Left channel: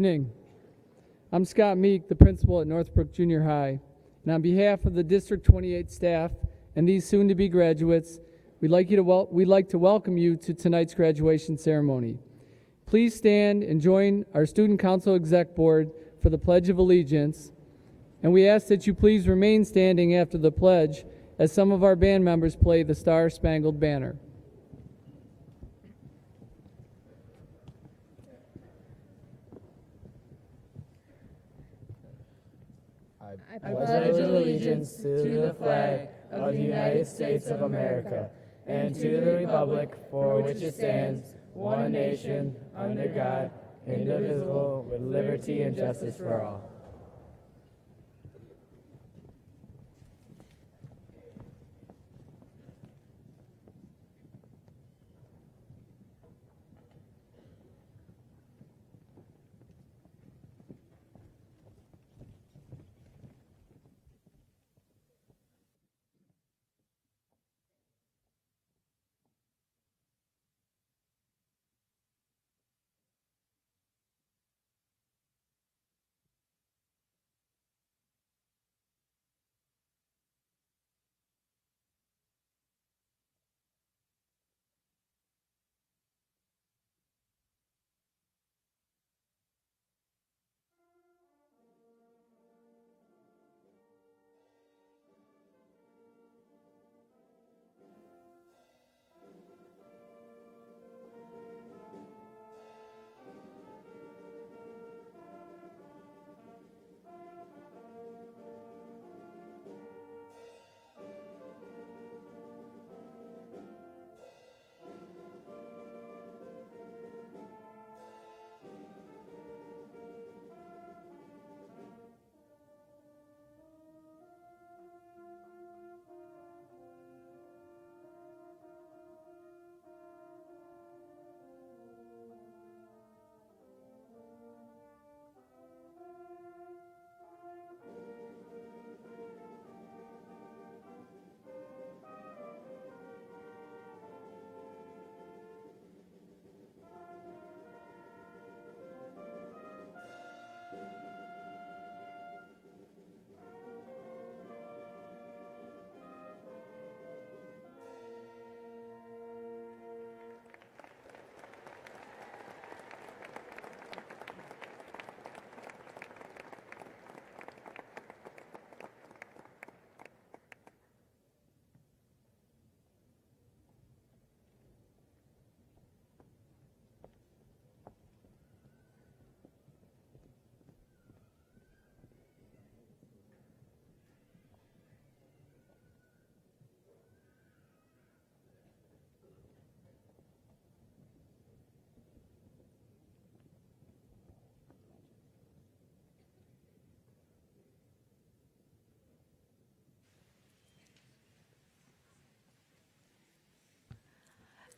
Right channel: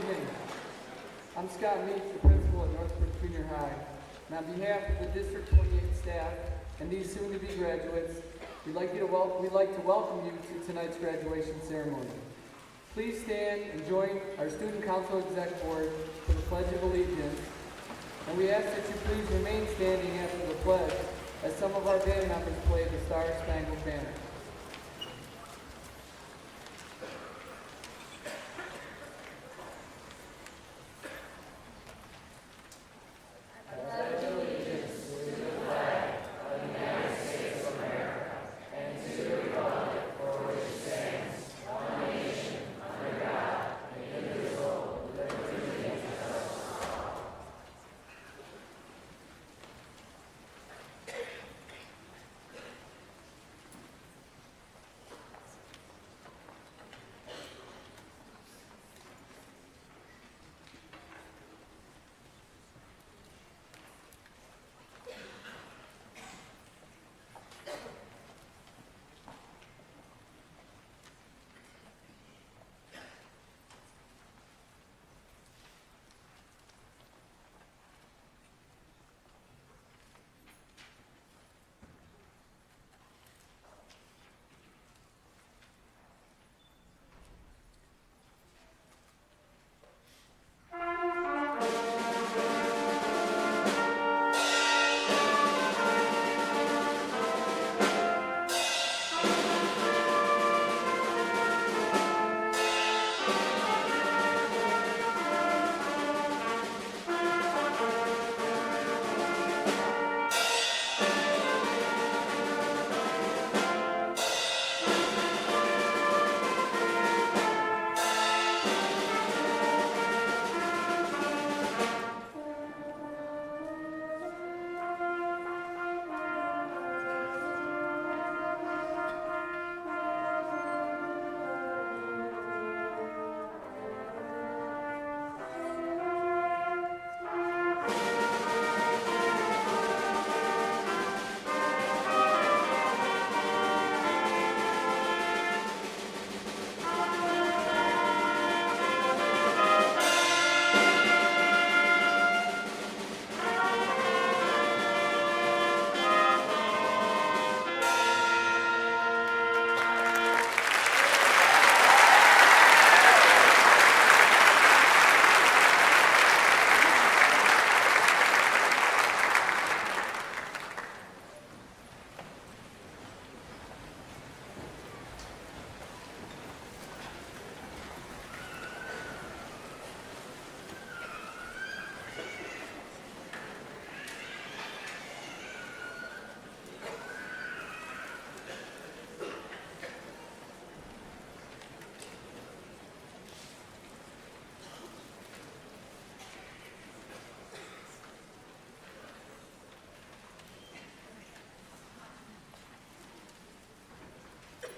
evening. I'm Scott Meek, the principal at Northbrook Junior High, and on behalf of the District 28 staff and these soon-to-be graduates, we'd like to welcome you to tonight's graduation ceremony. Please stand and join our Student Council Exec Board for the Pledge of Allegiance, and we ask that you please remain standing after the pledge as some of our band members play the Star-Spangled Banner. I pledge allegiance to the flag of the United States of America and to the republic for which it stands, one nation, under God, indivisible, with liberty and justice for all.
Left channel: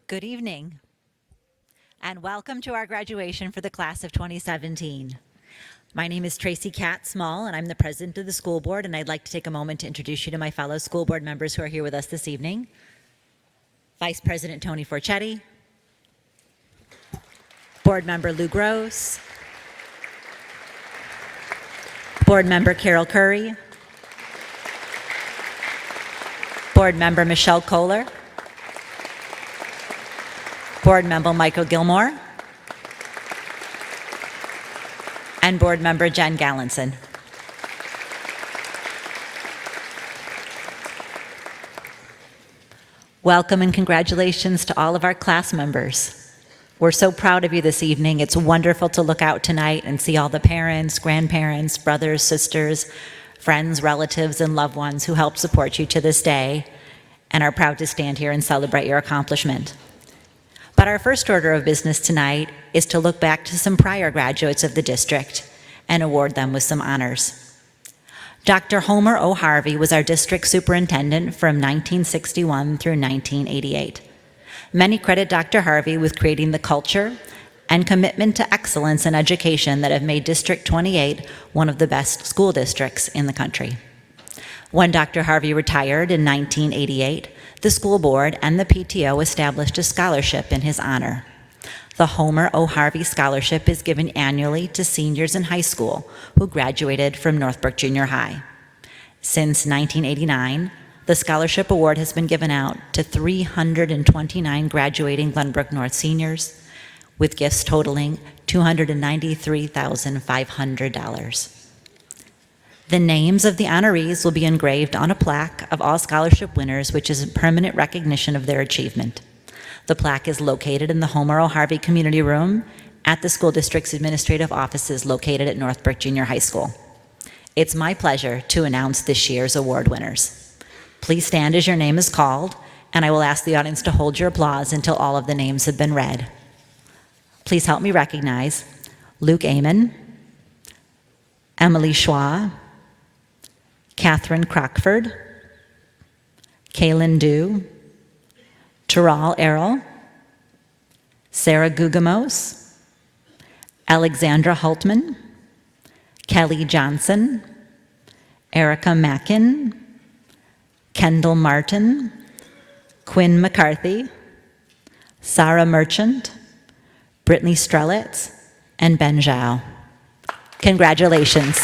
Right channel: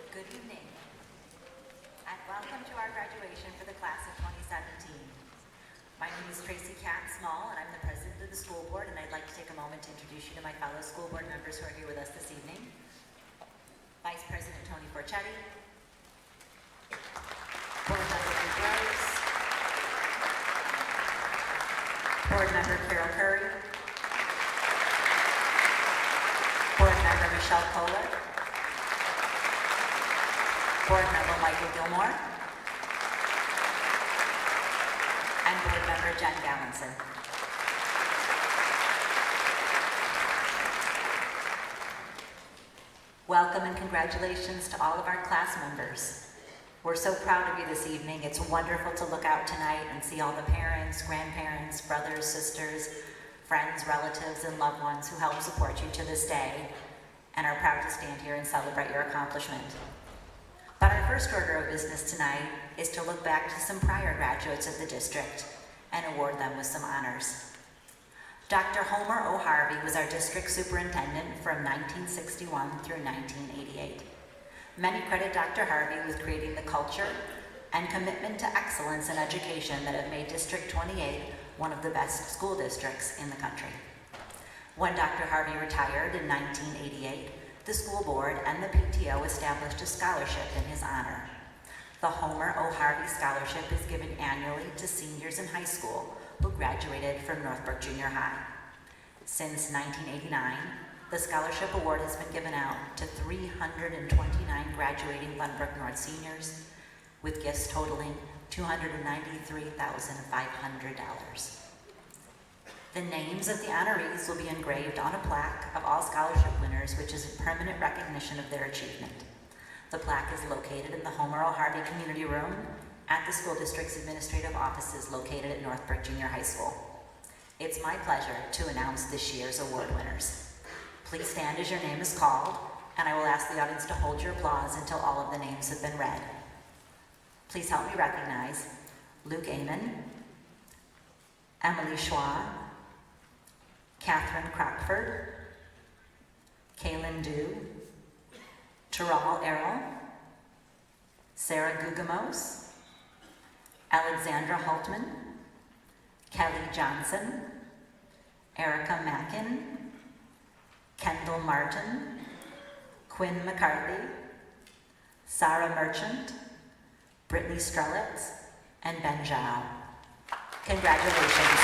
Good evening, and welcome to our graduation for the class of 2017. My name is Tracy Cat Small, and I'm the president of the school board, and I'd like to take a moment to introduce you to my fellow school board members who are here with us this evening. Vice President Tony Forchetti, Board Member Lou Gross, Board Member Carol Curry, Board Member Michelle Kohler, Board Member Michael Gilmore, and Board Member Jen Gallinson. Welcome and congratulations to all of our class members. We're so proud of you this evening. It's wonderful to look out tonight and see all the parents, grandparents, brothers, sisters, friends, relatives, and loved ones who help support you to this day and are proud to stand here and celebrate your accomplishment. But our first order of business tonight is to look back to some prior graduates of the district and award them with some honors. Dr. Homer O. Harvey was our district superintendent from 1961 through 1988. Many credit Dr. Harvey with creating the culture and commitment to excellence in education that have made District 28 one of the best school districts in the country. When Dr. Harvey retired in 1988, the school board and the PTO established a scholarship in his honor. The Homer O. Harvey Scholarship is given annually to seniors in high school who graduated from Northbrook Junior High. Since 1989, the scholarship award has been given out to 329 graduating Glenbrook North seniors, with gifts totaling $293,500. The names of the honorees will be engraved on a plaque of all scholarship winners, which is a permanent recognition of their achievement. The plaque is located in the Homer O. Harvey Community Room at the school district's administrative offices located at Northbrook Junior High School. It's my pleasure to announce this year's award winners. Please stand as your name is called, and I will ask the audience to hold your applause until all of the names have been read. Please help me recognize Luke Amon, Emily Schwa, Catherine Crockford, Kaylin Dew, Taral Errol, Sarah Gugamos, Alexandra Hultman, Kelly Johnson, Erica Mackin, Kendall Martin, Quinn McCarthy, Sarah Merchant, Brittany Strelitz, and Ben Zhao. Congratulations.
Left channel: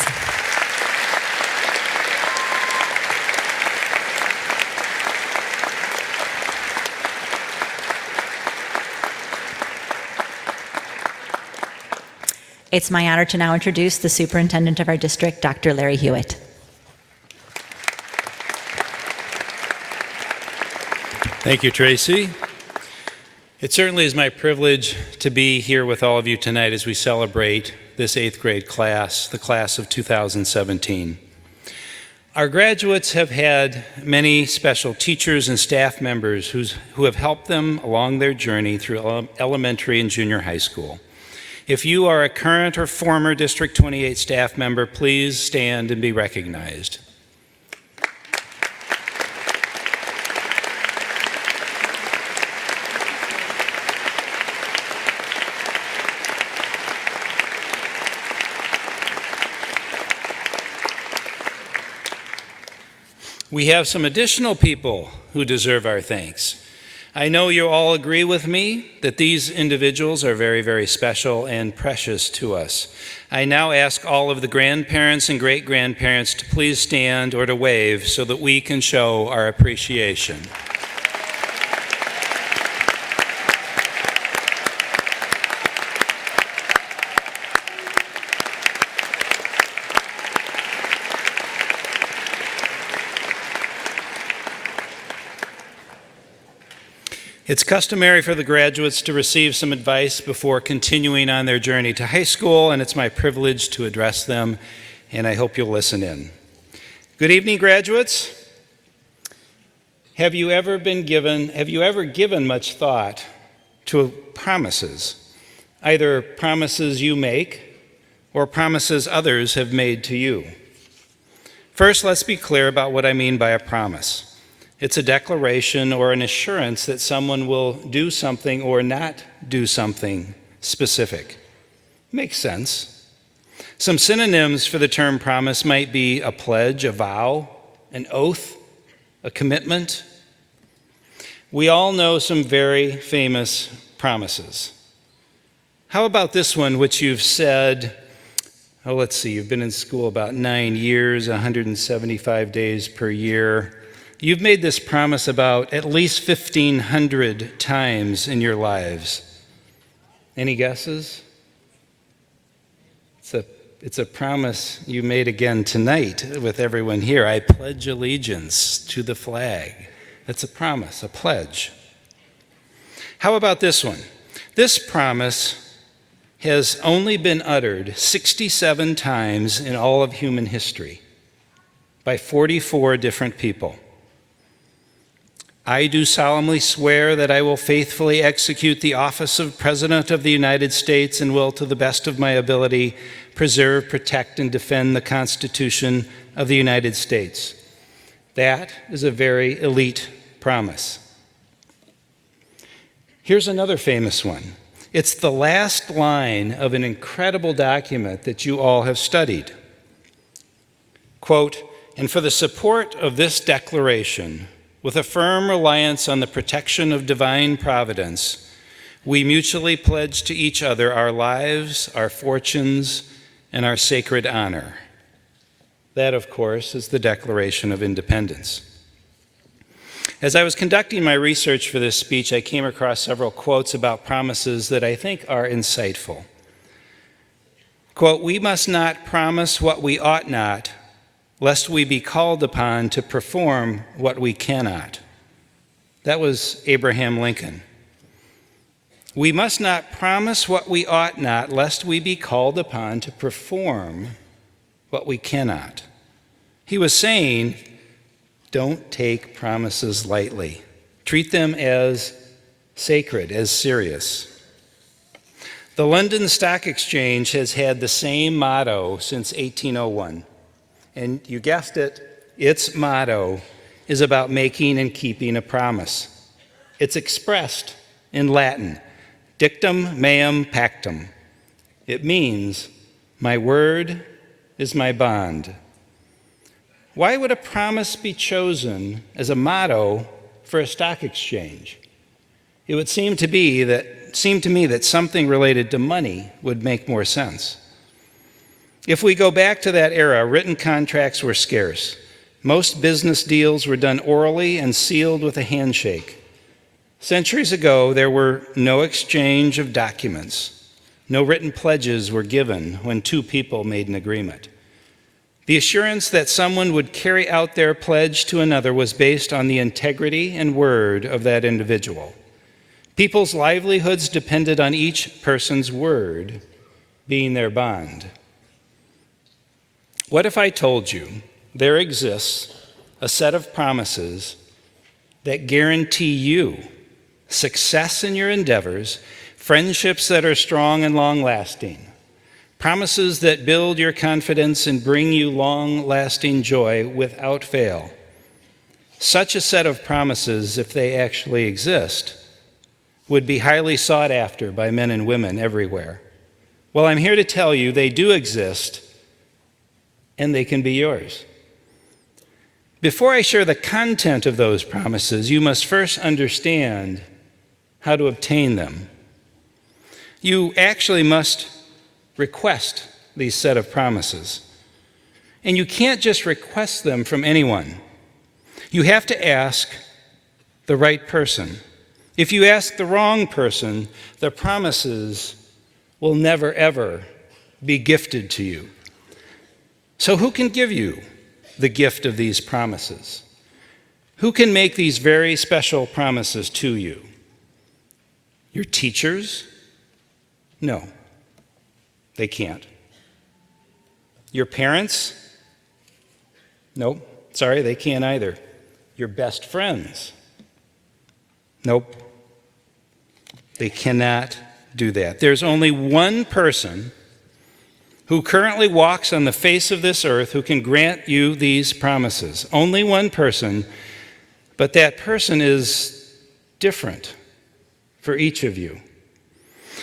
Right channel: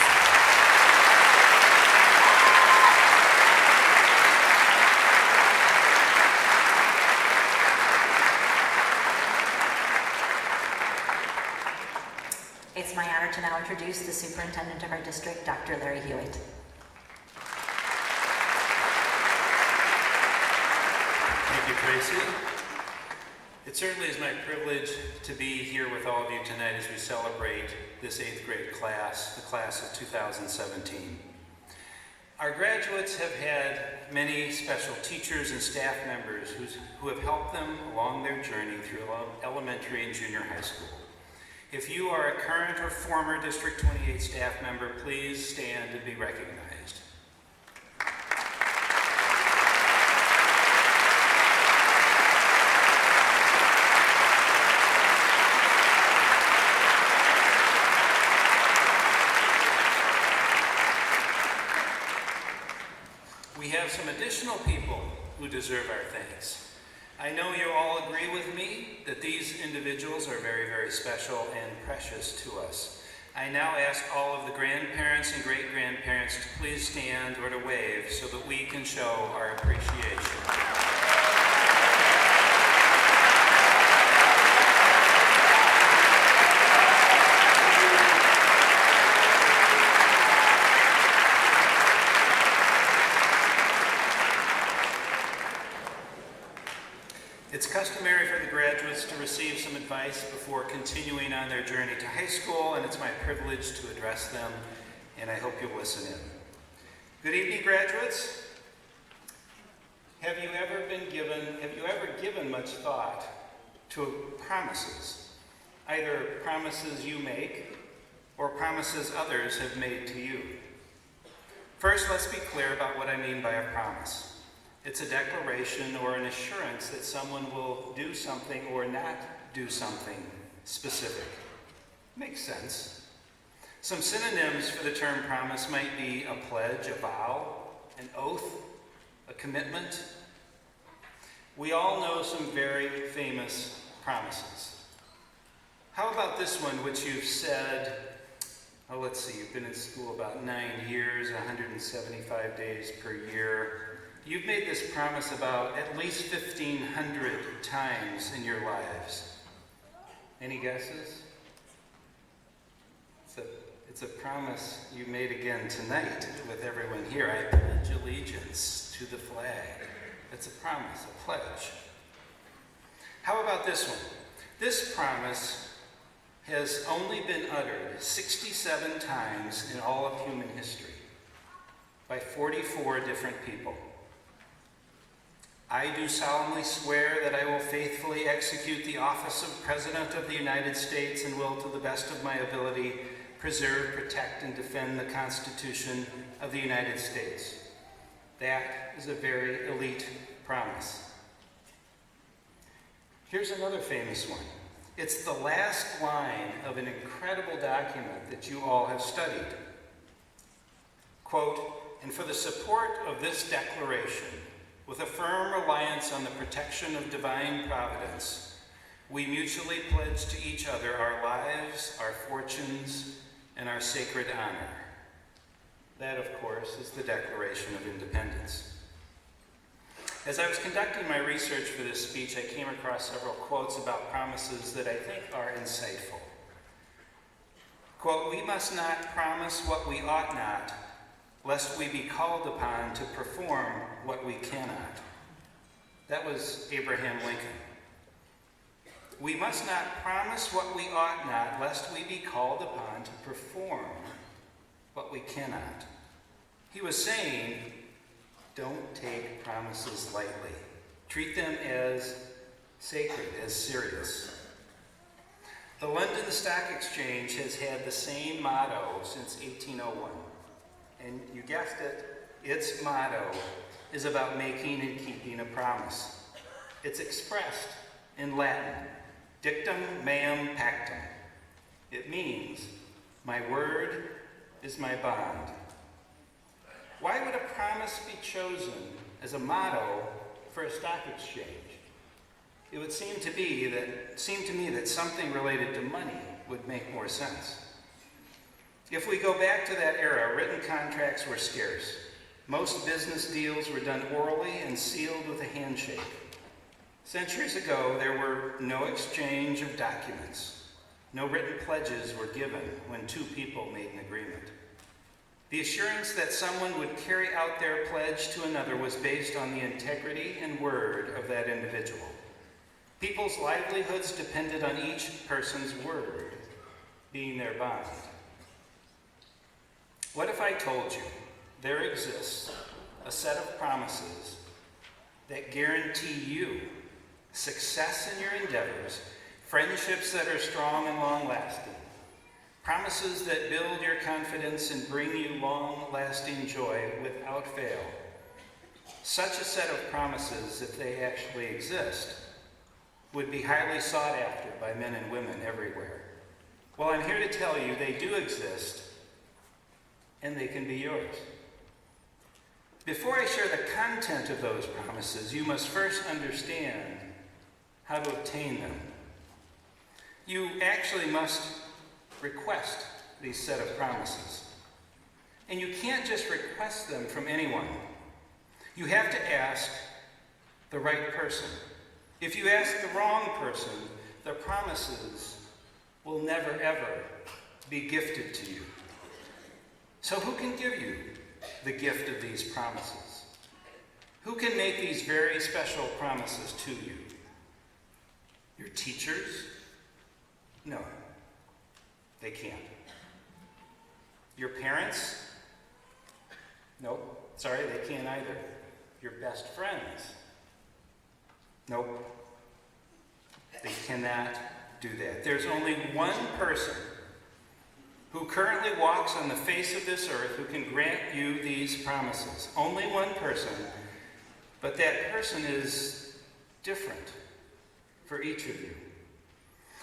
It's my honor to now introduce the superintendent of our district, Dr. Larry Hewitt. Thank you, Tracy. It certainly is my privilege to be here with all of you tonight as we celebrate this 8th grade class, the class of 2017. Our graduates have had many special teachers and staff members who have helped them along their journey through elementary and junior high school. If you are a current or former District 28 staff member, please stand and be recognized. We have some additional people who deserve our thanks. I know you all agree with me that these individuals are very, very special and precious to us. I now ask all of the grandparents and great-grandparents to please stand or to wave so that we can show our appreciation. It's customary for the graduates to receive some advice before continuing on their journey to high school, and it's my privilege to address them, and I hope you'll listen in. Good evening, graduates. Have you ever given much thought to promises, either promises you make or promises others have made to you? First, let's be clear about what I mean by a promise. It's a declaration or an assurance that someone will do something or not do something specific. Makes sense. Some synonyms for the term promise might be a pledge, a vow, an oath, a commitment. We all know some very famous promises. How about this one, which you've said, you've been in school about 9 years, 175 days per year. You've made this promise about at least 1,500 times in your lives. Any guesses? It's a promise you made again tonight with everyone here. I pledge allegiance to the flag. That's a promise, a pledge. How about this one? This promise has only been uttered 67 times in all of human history by 44 different people. I do solemnly swear that I will faithfully execute the office of President of the United States and will, to the best of my ability, preserve, protect, and defend the Constitution of the United States. That is a very elite promise. Here's another famous one. It's the last line of an incredible document that you all have studied. Quote, "And for the support of this declaration, with a firm reliance on the protection of divine providence, we mutually pledge to each other our lives, our fortunes, and our sacred honor. That, of course, is the Declaration of Independence. As I was conducting my research for this speech, I came across several quotes about promises that I think are insightful. Quote, "We must not promise what we ought not, lest we be called upon to perform what we cannot." That was Abraham Lincoln. "We must not promise what we ought not, lest we be called upon to perform what we cannot." He was saying, don't take promises lightly. Treat them as sacred, as serious. The London Stock Exchange has had the same motto since 1801. And you guessed it, its motto is about making and keeping a promise. It's expressed in Latin, dictum meum pactum. It means, my word is my bond. Why would a promise be chosen as a motto for a stock exchange? It would seem to me that something related to money would make more sense. If we go back to that era, written contracts were scarce. Most business deals were done orally and sealed with a handshake. Centuries ago, there were no exchange of documents. No written pledges were given when two people made an agreement. The assurance that someone would carry out their pledge to another was based on the integrity and word of that individual. People's livelihoods depended on each person's word being their bond. What if I told you there exists a set of promises that guarantee you success in your endeavors, friendships that are strong and long-lasting, promises that build your confidence and bring you long-lasting joy without fail? Such a set of promises, if they actually exist, would be highly sought after by men and women everywhere. Well, I'm here to tell you they do exist, and they can be yours. Before I share the content of those promises, you must first understand how to obtain them. You actually must request these set of promises. And you can't just request them from anyone. You have to ask the right person. If you ask the wrong person, the promises will never, ever be gifted to you. So who can give you the gift of these promises? Who can make these very special promises to you? Your teachers? No, they can't. Your parents? No, sorry, they can't either. Your best friends? Nope. They cannot do that. There's only one person who currently walks on the face of this earth who can grant you these promises. Only one person, but that person is different for each of you.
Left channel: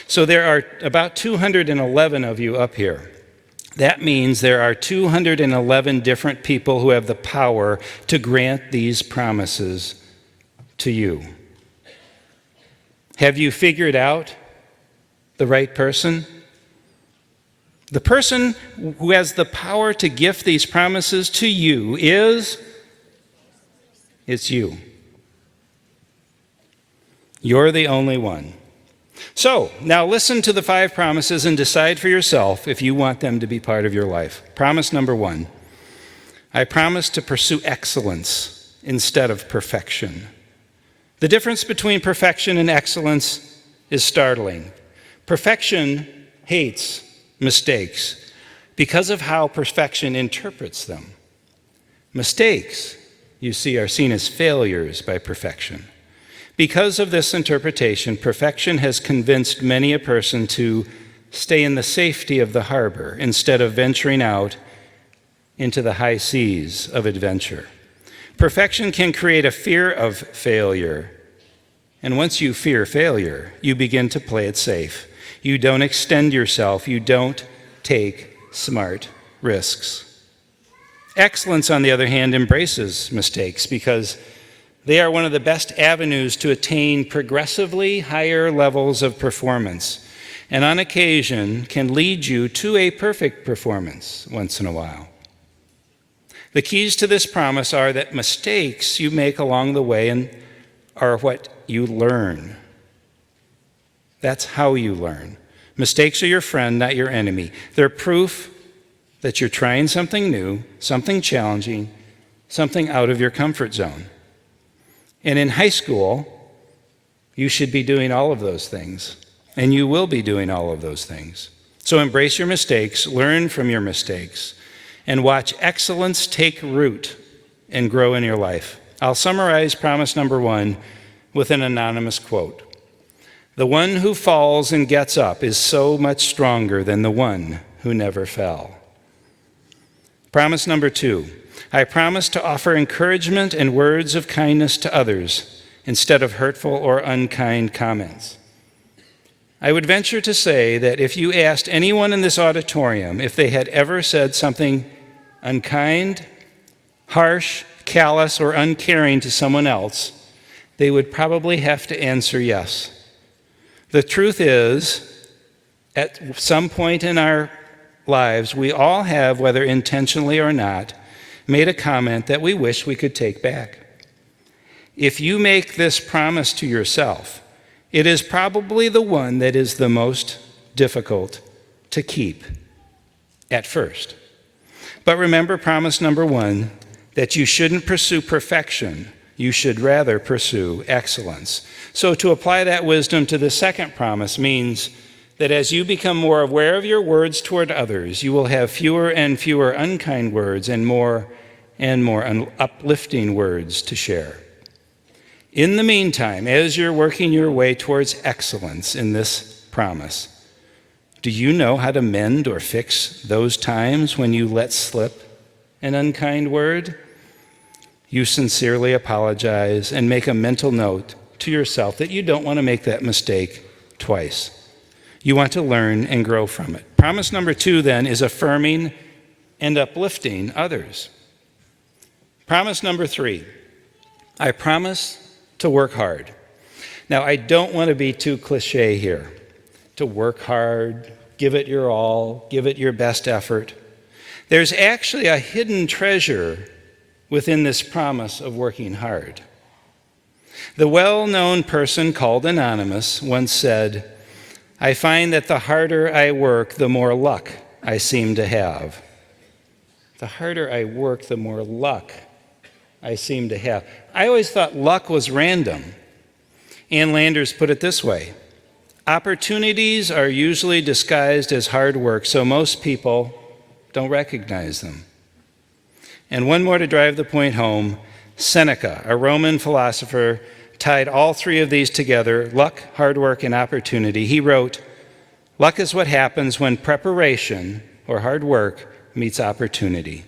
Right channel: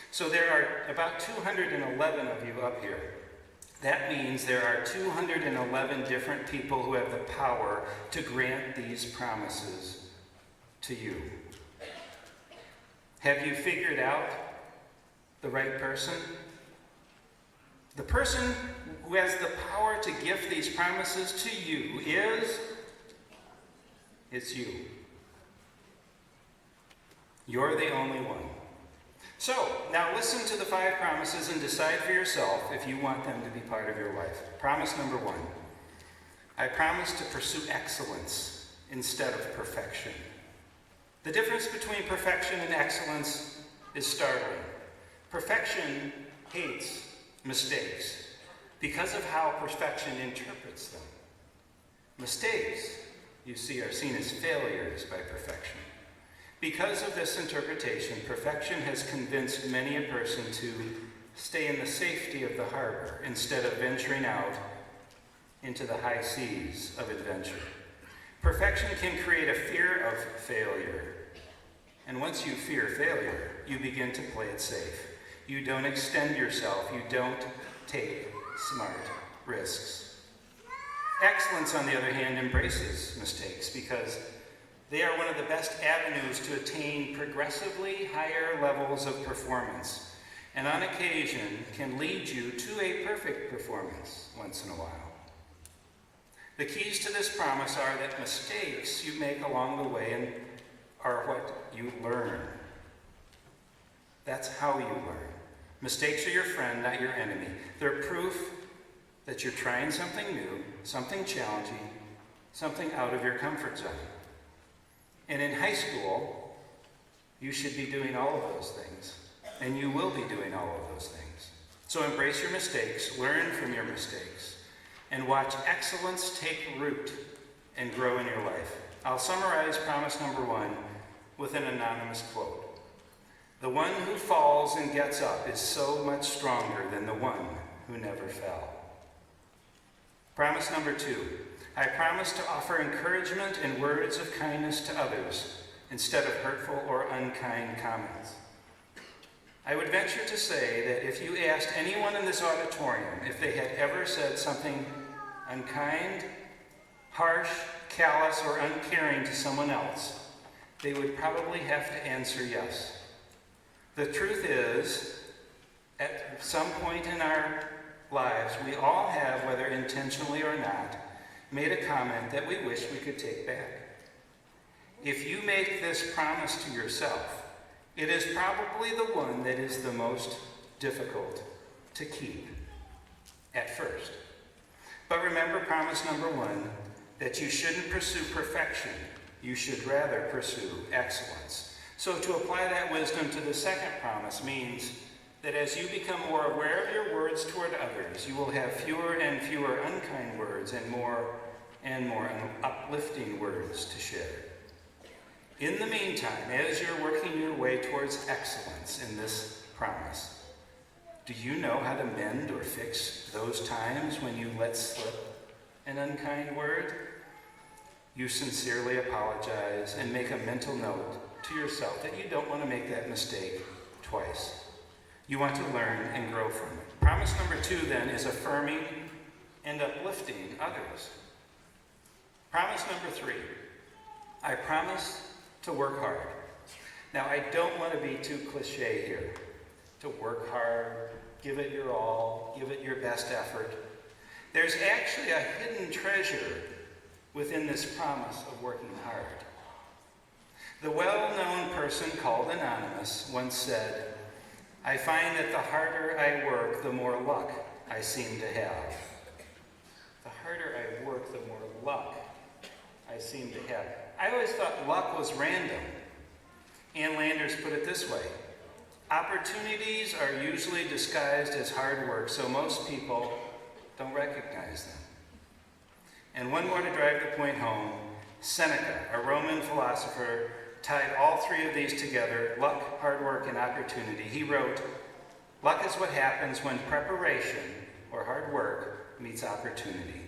So there are about 211 of you up here. That means there are 211 different people who have the power to grant these promises to you. Have you figured out the right person? The person who has the power to gift these promises to you it's you. You're the only one. So, now listen to the 5 promises and decide for yourself if you want them to be part of your life. Promise number 1, I promise to pursue excellence instead of perfection. The difference between perfection and excellence is startling. Perfection hates mistakes because of how perfection interprets them. Mistakes, you see, are seen as failures by perfection. Because of this interpretation, perfection has convinced many a person to stay in the safety of the harbor instead of venturing out into the high seas of adventure. Perfection can create a fear of failure. And once you fear failure, you begin to play it safe. You don't extend yourself. You don't take smart risks. Excellence, on the other hand, embraces mistakes because They are one of the best avenues to attain progressively higher levels of performance, and on occasion can lead you to a perfect performance once in a while. The keys to this promise are that mistakes you make along the way are what you learn. That's how you learn. Mistakes are your friend, not your enemy. They're proof that you're trying something new, something challenging, something out of your comfort zone. And in high school, you should be doing all of those things, and you will be doing all of those things. So embrace your mistakes, learn from your mistakes, and watch excellence take root and grow in your life. I'll summarize promise number 1 with an anonymous quote. The one who falls and gets up is so much stronger than the one who never fell. Promise number 2, I promise to offer encouragement and words of kindness to others instead of hurtful or unkind comments. I would venture to say that if you asked anyone in this auditorium if they had ever said something unkind, harsh, callous, or uncaring to someone else, they would probably have to answer yes. The truth is, at some point in our lives, we all have, whether intentionally or not, made a comment that we wish we could take back. If you make this promise to yourself, it is probably the one that is the most difficult to keep at first. But remember promise number 1, that you shouldn't pursue perfection. You should rather pursue excellence. So to apply that wisdom to the second promise means that as you become more aware of your words toward others, you will have fewer and fewer unkind words and more uplifting words to share. In the meantime, as you're working your way towards excellence in this promise, do you know how to mend or fix those times when you let slip an unkind word? You sincerely apologize and make a mental note to yourself that you don't want to make that mistake twice. You want to learn and grow from it. Promise number 2 then is affirming and uplifting others. Promise number 3, I promise to work hard. Now, I don't want to be too cliche here. To work hard, give it your all, give it your best effort. There's actually a hidden treasure within this promise of working hard. The well-known person called Anonymous once said, I find that the harder I work, the more luck I seem to have. The harder I work, the more luck I seem to have. I always thought luck was random. Ann Landers put it this way, opportunities are usually disguised as hard work, so most people don't recognize them. And one more to drive the point home, Seneca, a Roman philosopher, tied all 3 of these together, luck, hard work, and opportunity. He wrote, luck is what happens when preparation, or hard work, meets opportunity.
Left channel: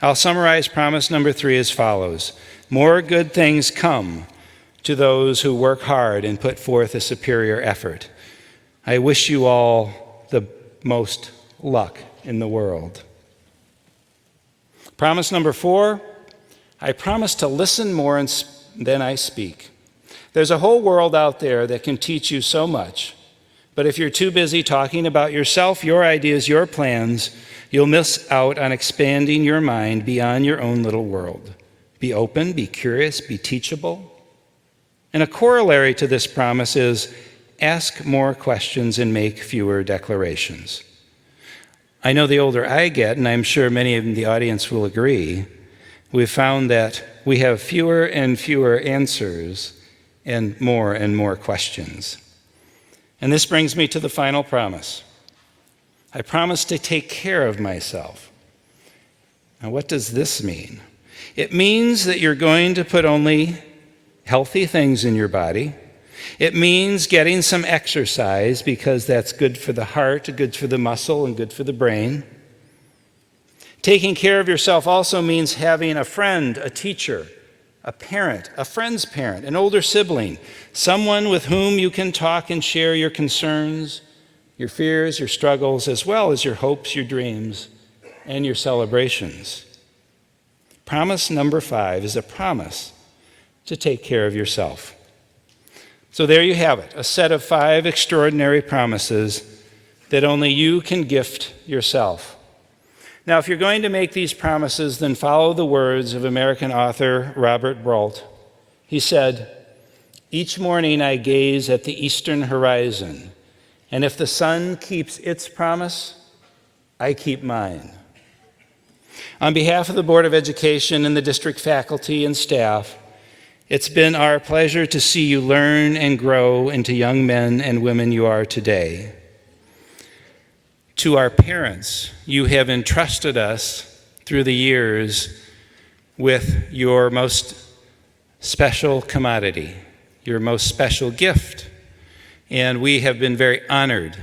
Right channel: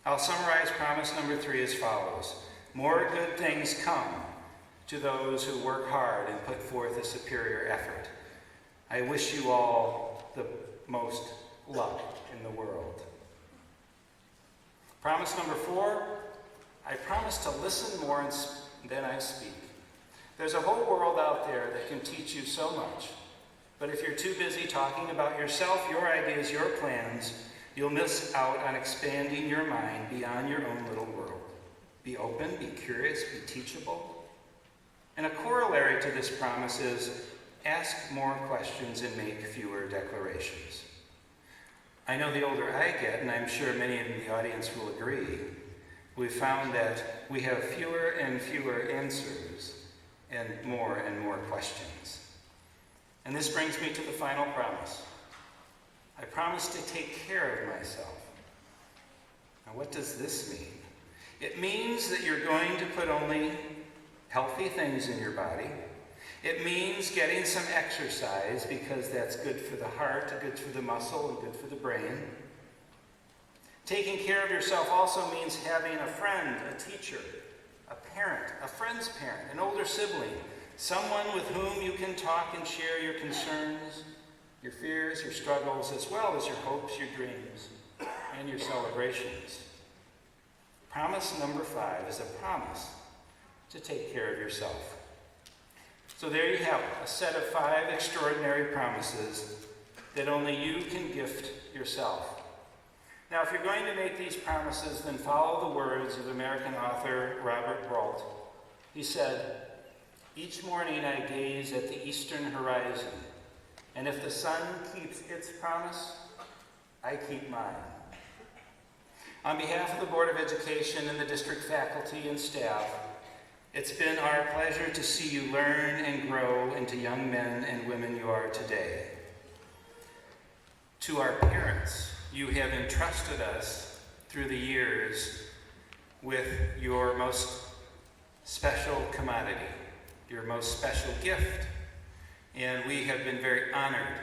I'll summarize promise number 3 as follows. More good things come to those who work hard and put forth a superior effort. I wish you all the most luck in the world. Promise number 4, I promise to listen more than I speak. There's a whole world out there that can teach you so much, but if you're too busy talking about yourself, your ideas, your plans, you'll miss out on expanding your mind beyond your own little world. Be open, be curious, be teachable. And a corollary to this promise is ask more questions and make fewer declarations. I know the older I get, and I'm sure many in the audience will agree, we've found that we have fewer and fewer answers and more questions. And this brings me to the final promise. I promise to take care of myself. Now, what does this mean? It means that you're going to put only healthy things in your body. It means getting some exercise because that's good for the heart, good for the muscle, and good for the brain. Taking care of yourself also means having a friend, a teacher, a parent, a friend's parent, an older sibling, someone with whom you can talk and share your concerns, your fears, your struggles, as well as your hopes, your dreams, and your celebrations. Promise number 5 is a promise to take care of yourself. So there you have it, a set of 5 extraordinary promises that only you can gift yourself. Now, if you're going to make these promises, then follow the words of American author Robert Brault. He said, "Each morning I gaze at the eastern horizon, and if the sun keeps its promise, I keep mine." On behalf of the Board of Education and the district faculty and staff, it's been our pleasure to see you learn and grow into young men and women you are today. To our parents, you have entrusted us through the years with your most special commodity, your most special gift, and we have been very honored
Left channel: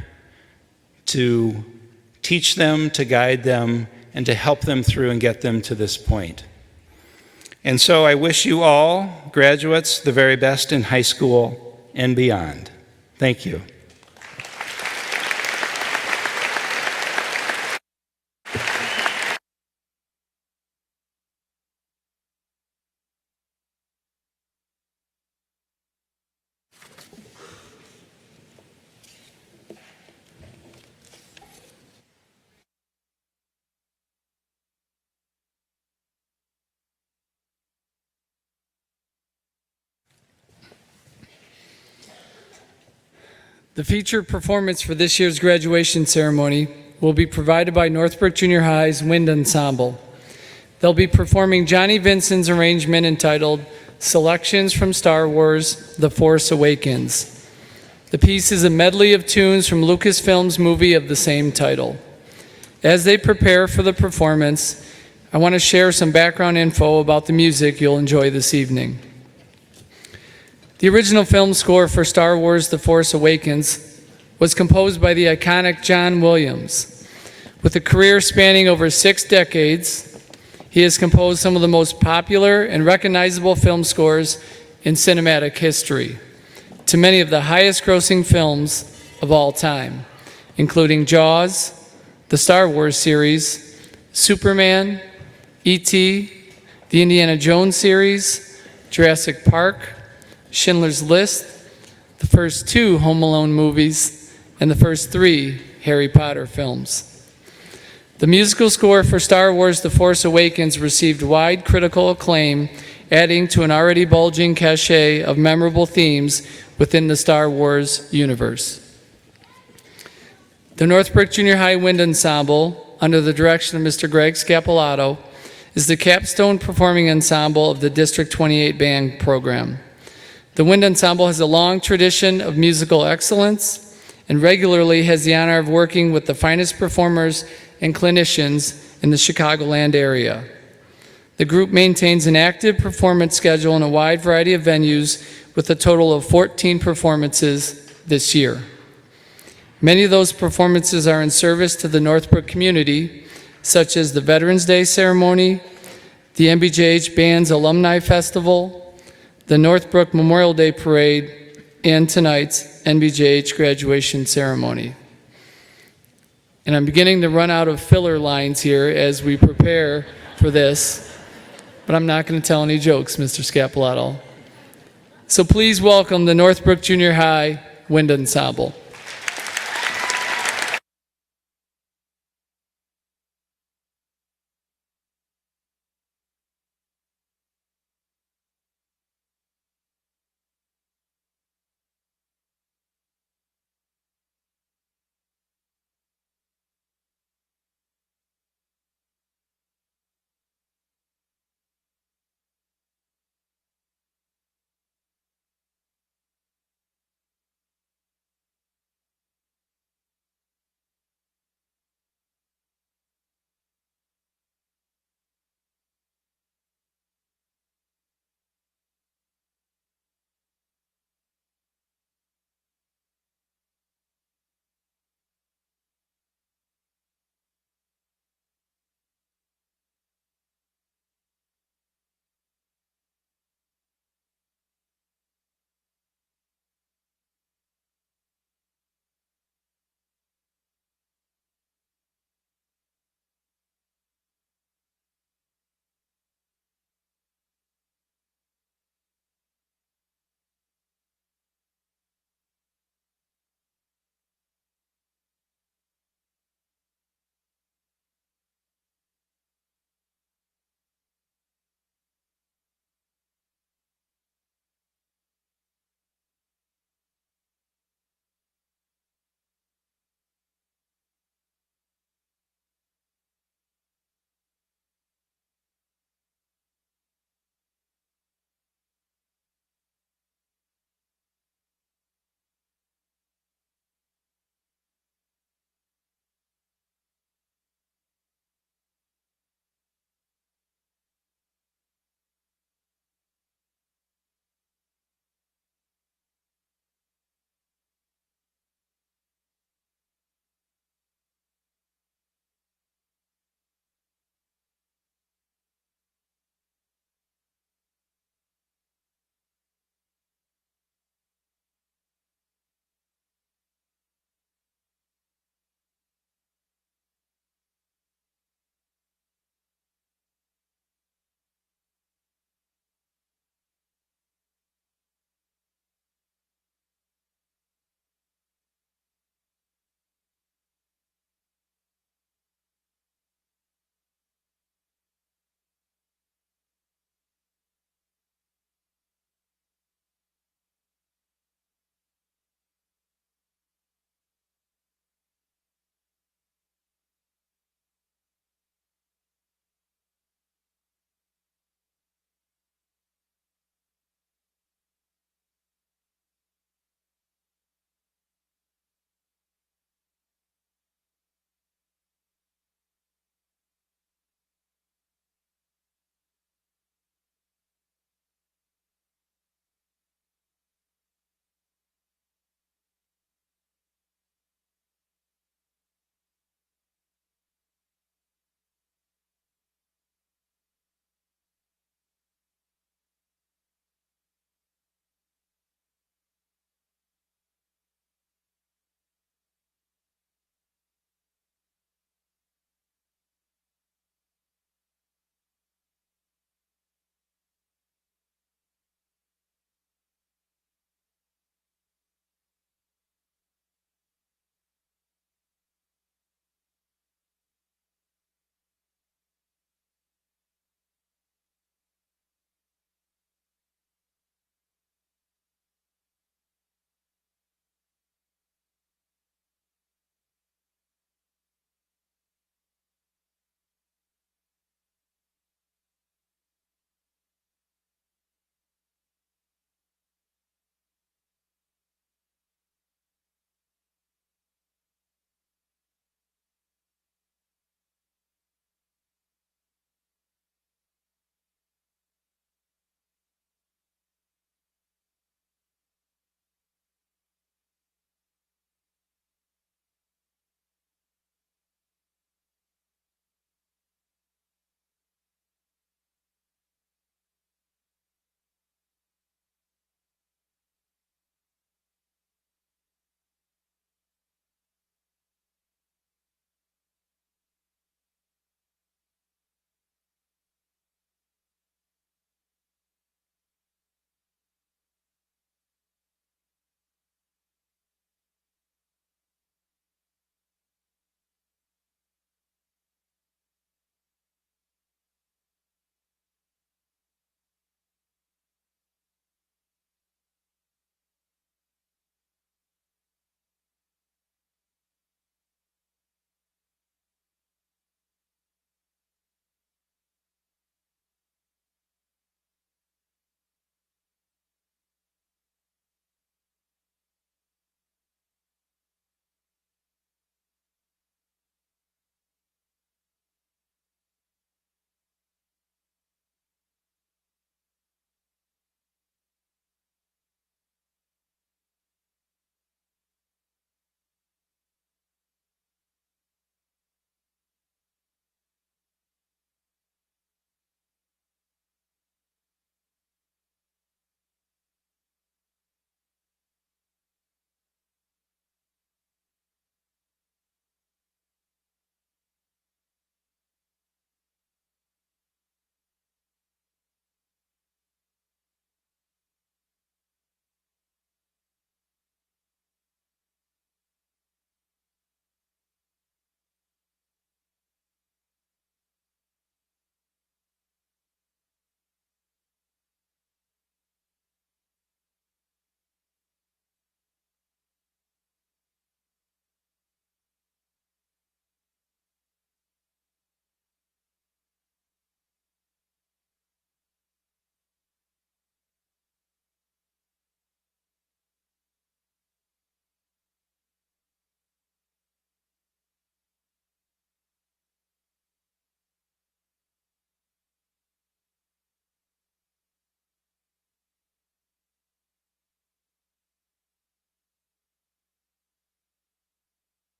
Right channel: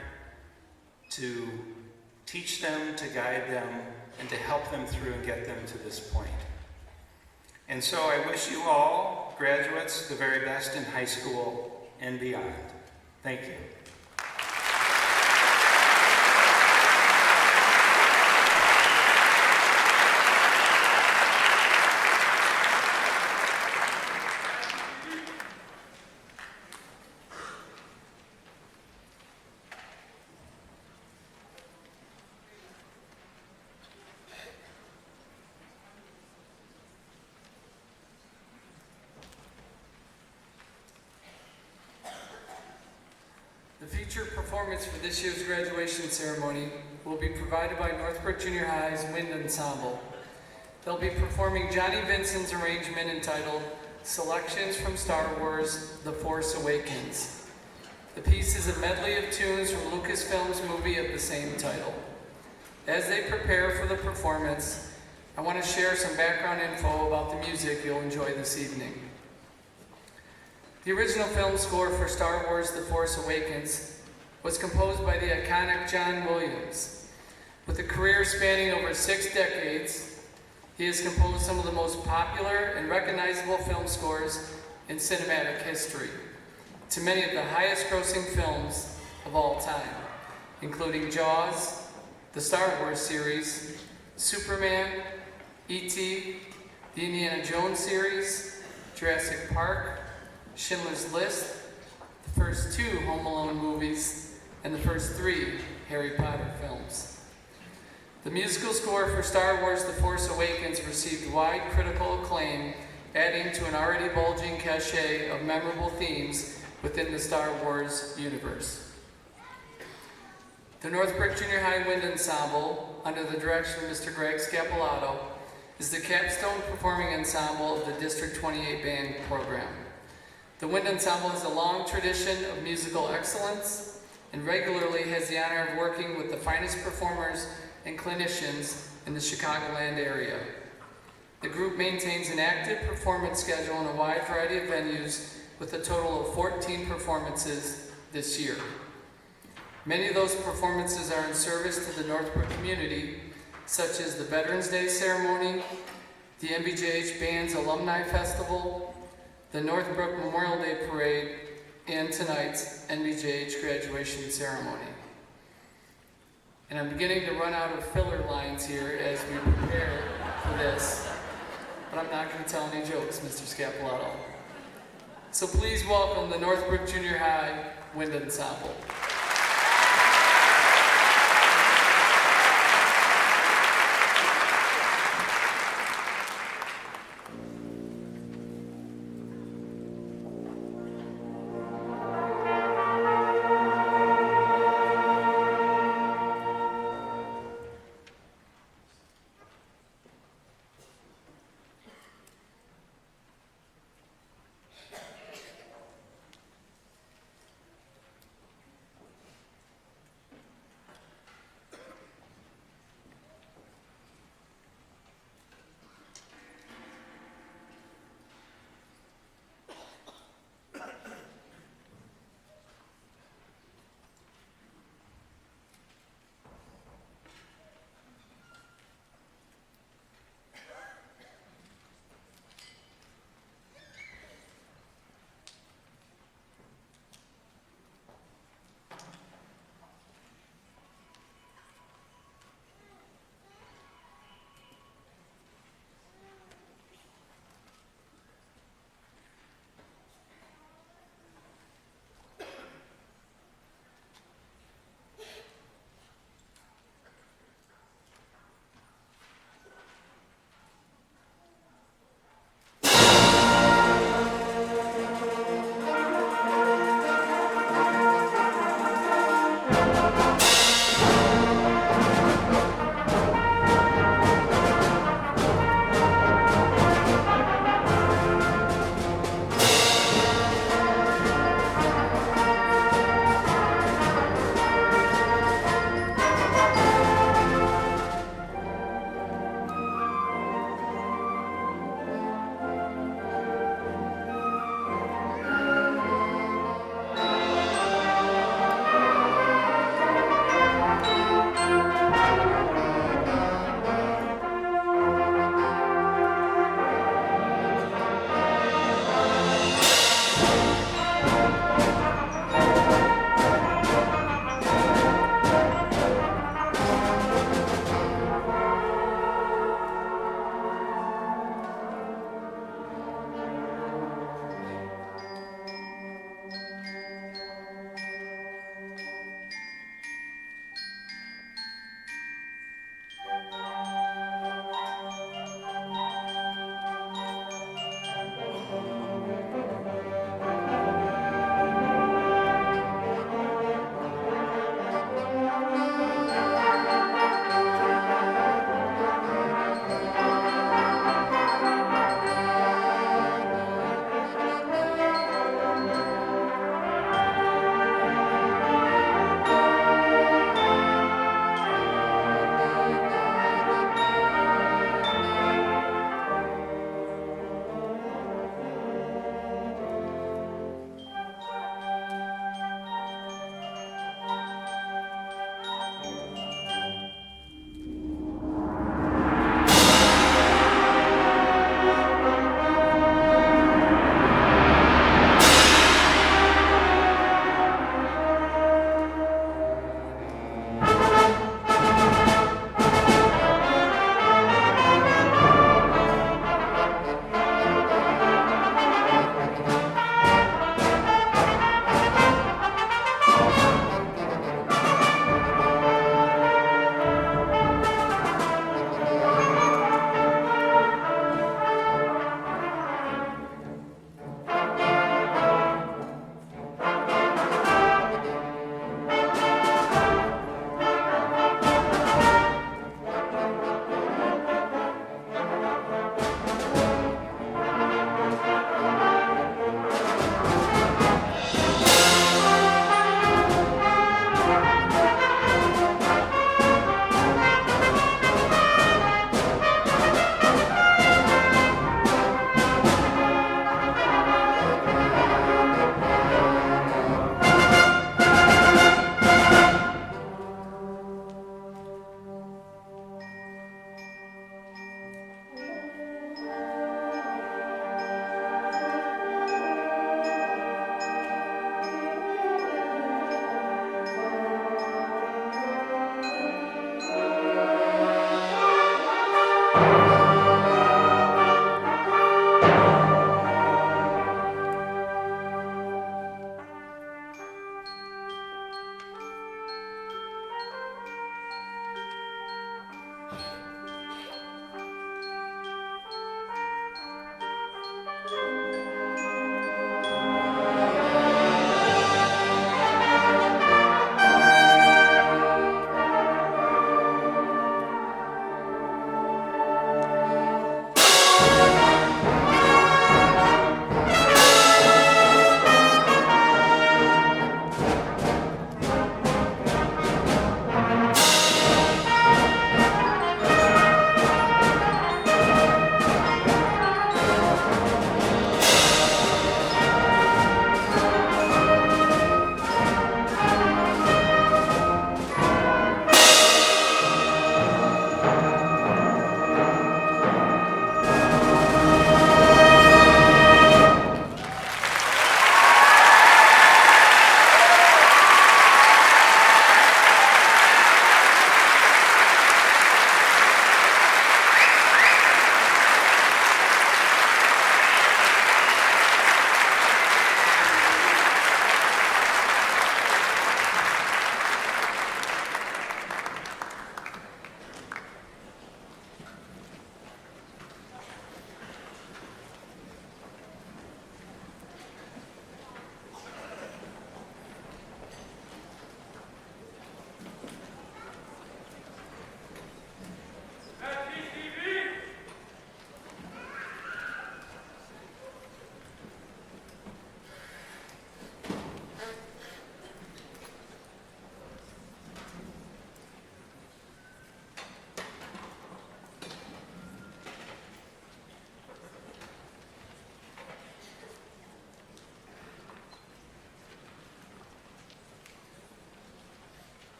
to teach them, to guide them, and to help them through and get them to this point. And so I wish you all, graduates, the very best in high school and beyond. Thank you. The featured performance for this year's graduation ceremony will be provided by Northbrook Junior High's Wind Ensemble. They'll be performing Johnny Vincent's arrangement entitled Selections from Star Wars: The Force Awakens. The piece is a medley of tunes from Lucasfilm's movie of the same title. As they prepare for the performance, I want to share some background info about the music you'll enjoy this evening. The original film score for Star Wars: The Force Awakens was composed by the iconic John Williams. With a career spanning over 6 decades, he has composed some of the most popular and recognizable film scores in cinematic history to many of the highest-grossing films of all time, including Jaws, the Star Wars series, Superman, E.T., the Indiana Jones series, Jurassic Park, Schindler's List, the first 2 Home Alone movies, and the first 3 Harry Potter films. The musical score for Star Wars: The Force Awakens received wide critical acclaim, adding to an already bulging cachet of memorable themes within the Star Wars universe. The Northbrook Junior High Wind Ensemble, under the direction of Mr. Greg Scapolato, is the capstone performing ensemble of the District 28 band program. The Wind Ensemble has a long tradition of musical excellence and regularly has the honor of working with the finest performers and clinicians in the Chicagoland area. The group maintains an active performance schedule in a wide variety of venues with a total of 14 performances this year. Many of those performances are in service to the Northbrook community, such as the Veterans Day ceremony, the MBJH Band's Alumni Festival, the Northbrook Memorial Day Parade, and tonight's NBJH graduation ceremony. And I'm beginning to run out of filler lines here as we prepare for this, but I'm not going to tell any jokes, Mr. Scapolato. So please welcome the Northbrook Junior High Wind Ensemble.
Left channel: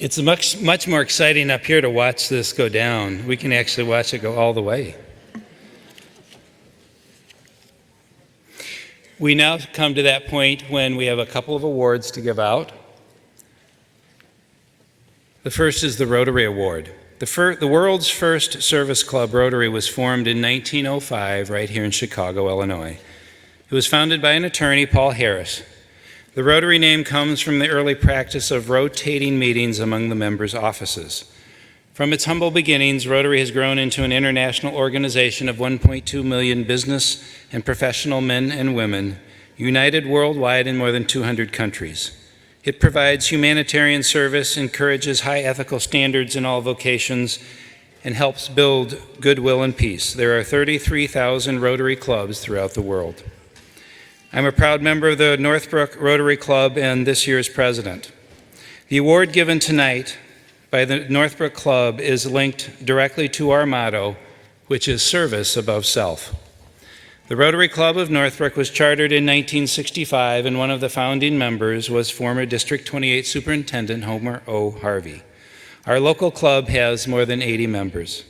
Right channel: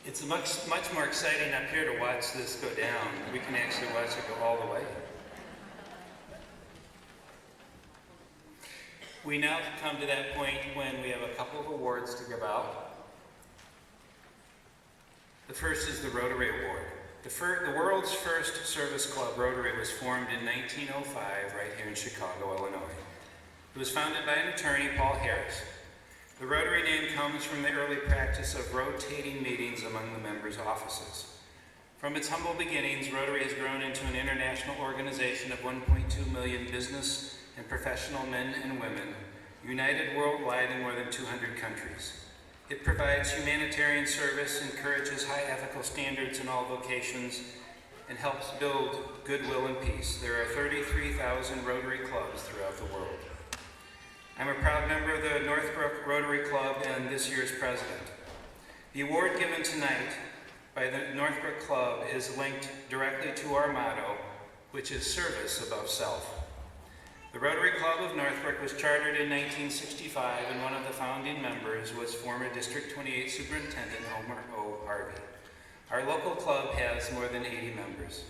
It's much more exciting up here to watch this go down. We can actually watch it go all the way. We now come to that point when we have a couple of awards to give out. The first is the Rotary Award. The world's first service club, Rotary, was formed in 1905 right here in Chicago, Illinois. It was founded by an attorney, Paul Harris. The Rotary name comes from the early practice of rotating meetings among the members' offices. From its humble beginnings, Rotary has grown into an international organization of 1.2 million business and professional men and women, united worldwide in more than 200 countries. It provides humanitarian service, encourages high ethical standards in all vocations, and helps build goodwill and peace. There are 33,000 Rotary clubs throughout the world. I'm a proud member of the Northbrook Rotary Club and this year's president. The award given tonight by the Northbrook Club is linked directly to our motto, which is service above self. The Rotary Club of Northbrook was chartered in 1965, and one of the founding members was former District 28 Superintendent Homer O. Harvey. Our local club has more than 80 members.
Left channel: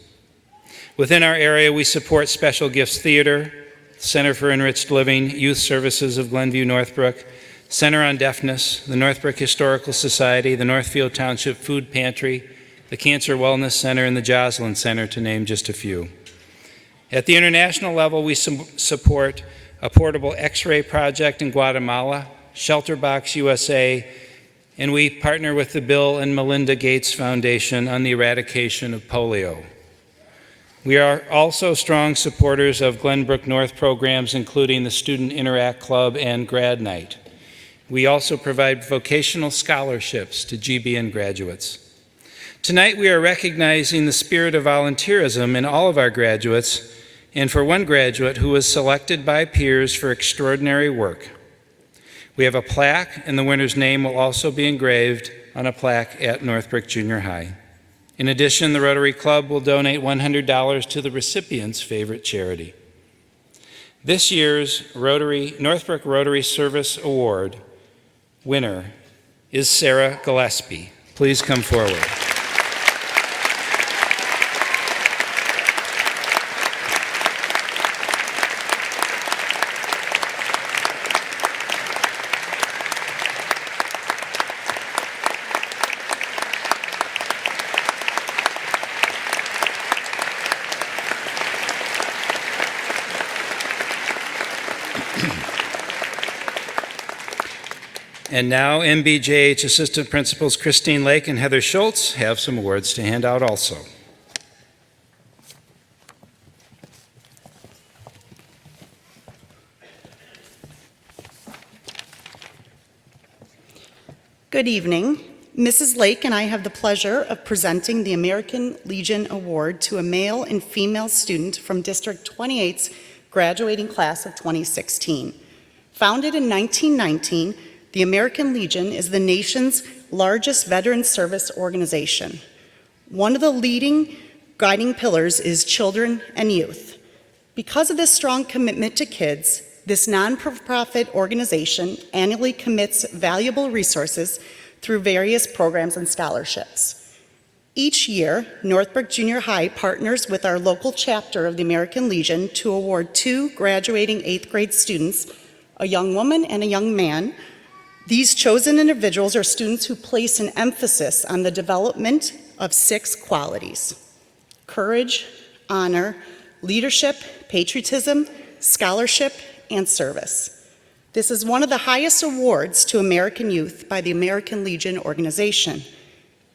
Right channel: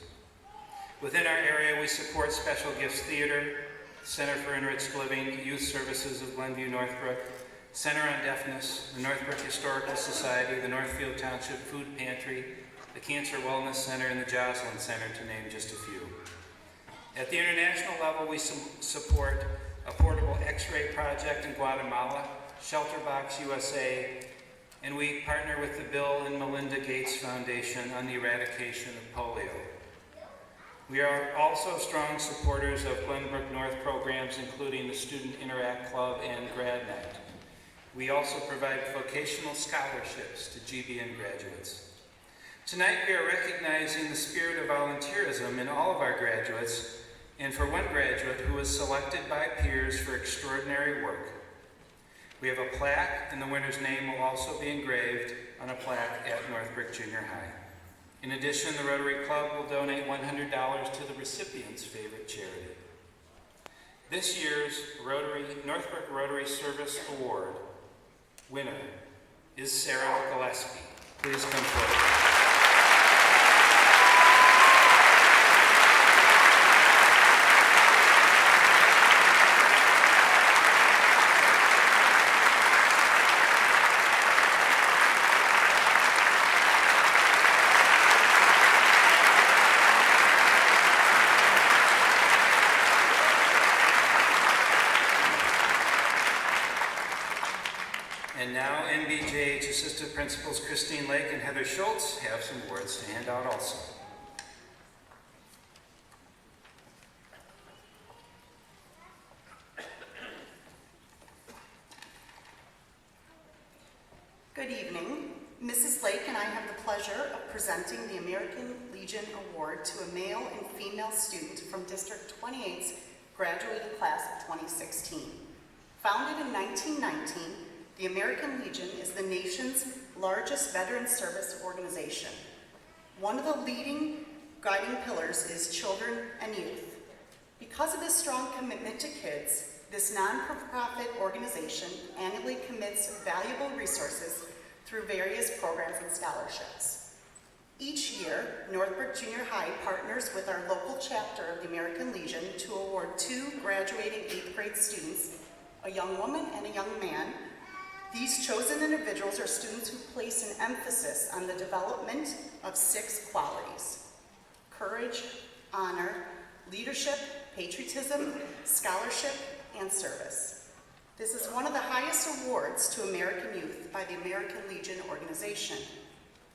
Within our area, we support Special Gifts Theater, Center for Enriched Living, Youth Services of Glenview Northbrook, Center on Deafness, the Northbrook Historical Society, the Northfield Township Food Pantry, the Cancer Wellness Center, and the Joslin Center, to name just a few. At the international level, we support a portable X-ray project in Guatemala, Shelterbox USA, and we partner with the Bill and Melinda Gates Foundation on the eradication of polio. We are also strong supporters of Glenbrook North programs, including the Student Interact Club and Grad Night. We also provide vocational scholarships to GBN graduates. Tonight, we are recognizing the spirit of volunteerism in all of our graduates, and for one graduate who was selected by peers for extraordinary work. We have a plaque, and the winner's name will also be engraved on a plaque at Northbrook Junior High. In addition, the Rotary Club will donate $100 to the recipient's favorite charity. This year's Northbrook Rotary Service Award winner is Sarah Gillespie. Please come forward. And now MBJH Assistant Principals Christine Lake and Heather Schultz have some awards to hand out also. Good evening. Mrs. Lake and I have the pleasure of presenting the American Legion Award to a male and female student from District 28's graduating class of 2016. Founded in 1919, the American Legion is the nation's largest veteran service organization. One of the leading guiding pillars is children and youth. Because of this strong commitment to kids, this non-profit organization annually commits valuable resources through various programs and scholarships. Each year, Northbrook Junior High partners with our local chapter of the American Legion to award 2 graduating 8th grade students, a young woman and a young man. These chosen individuals are students who place an emphasis on the development of 6 qualities: courage, honor, leadership, patriotism, scholarship, and service. This is one of the highest awards to American youth by the American Legion organization.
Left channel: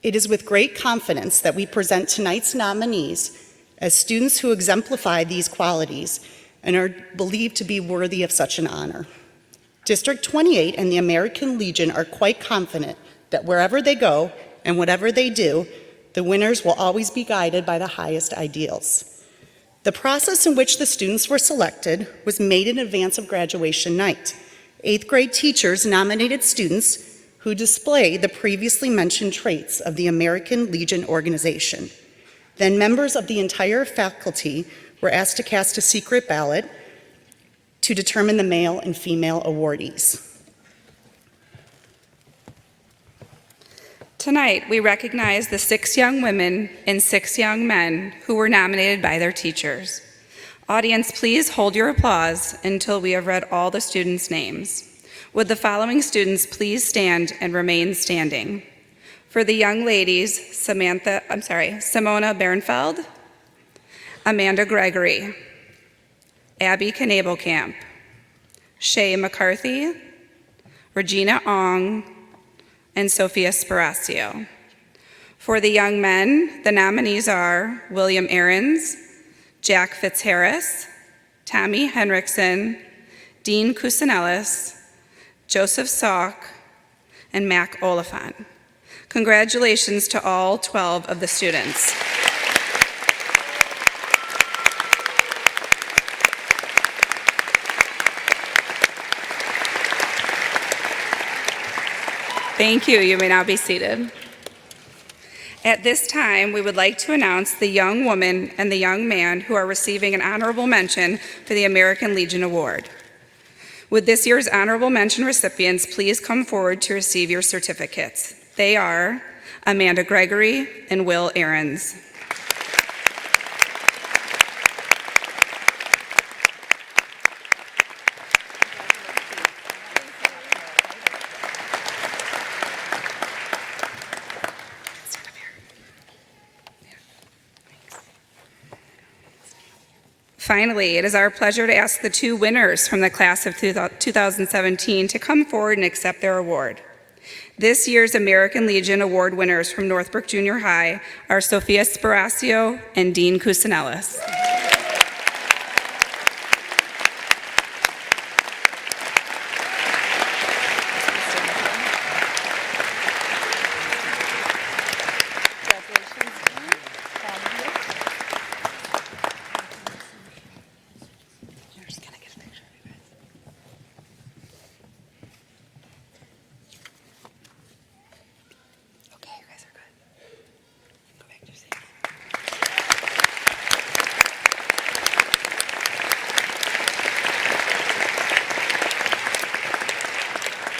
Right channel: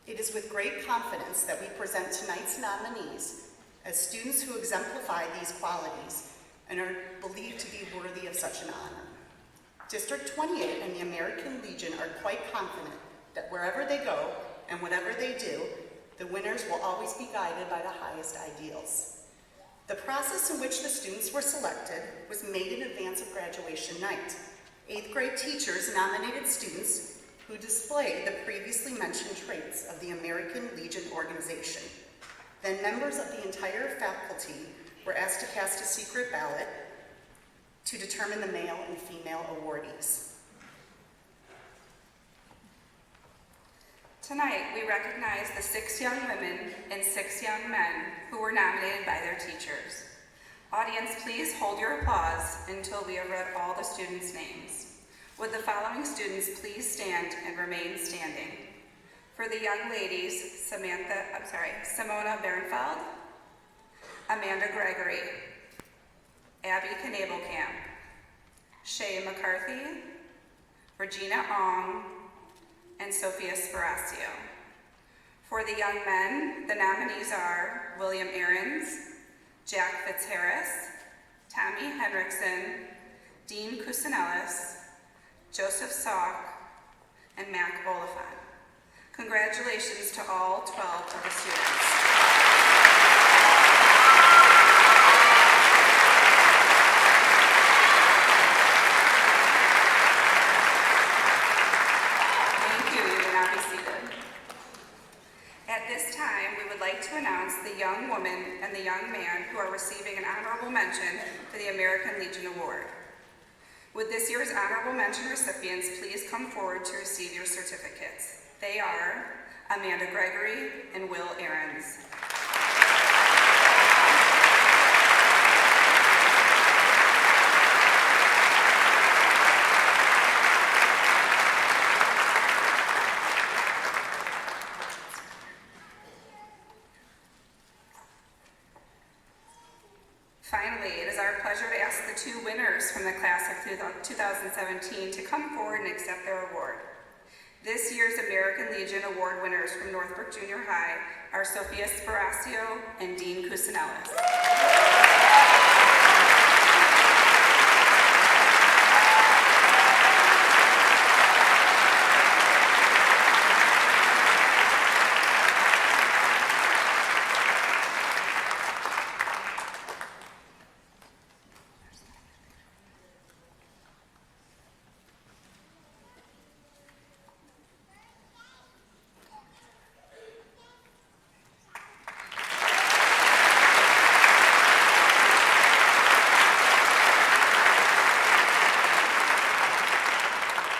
It is with great confidence that we present tonight's nominees as students who exemplify these qualities and are believed to be worthy of such an honor. District 28 and the American Legion are quite confident that wherever they go and whatever they do, the winners will always be guided by the highest ideals. The process in which the students were selected was made in advance of graduation night. 8th grade teachers nominated students who display the previously mentioned traits of the American Legion organization. Then members of the entire faculty were asked to cast a secret ballot to determine the male and female awardees. Tonight, we recognize the 6 young women and 6 young men who were nominated by their teachers. Audience, please hold your applause until we have read all the students' names. Would the following students please stand and remain standing? For the young ladies, Simona Bernfeld, Amanda Gregory, Abby Knabelkamp, Shay McCarthy, Regina Ong, and Sophia Sparacio. For the young men, the nominees are William Ahrens, Jack Fitzharris, Tommy Henriksen, Dean Kusinellis, Joseph Salk, and Mac Oliphant. Congratulations to all 12 of the students. Thank you. You may now be seated. At this time, we would like to announce the young woman and the young man who are receiving an honorable mention for the American Legion Award. Would this year's honorable mention recipients please come forward to receive your certificates? They are Amanda Gregory and Will Ahrens. Finally, it is our pleasure to ask the 2 winners from the class of 2017 to come forward and accept their award. This year's American Legion Award winners from Northbrook Junior High are Sophia Sparacio and Dean Kusinellis.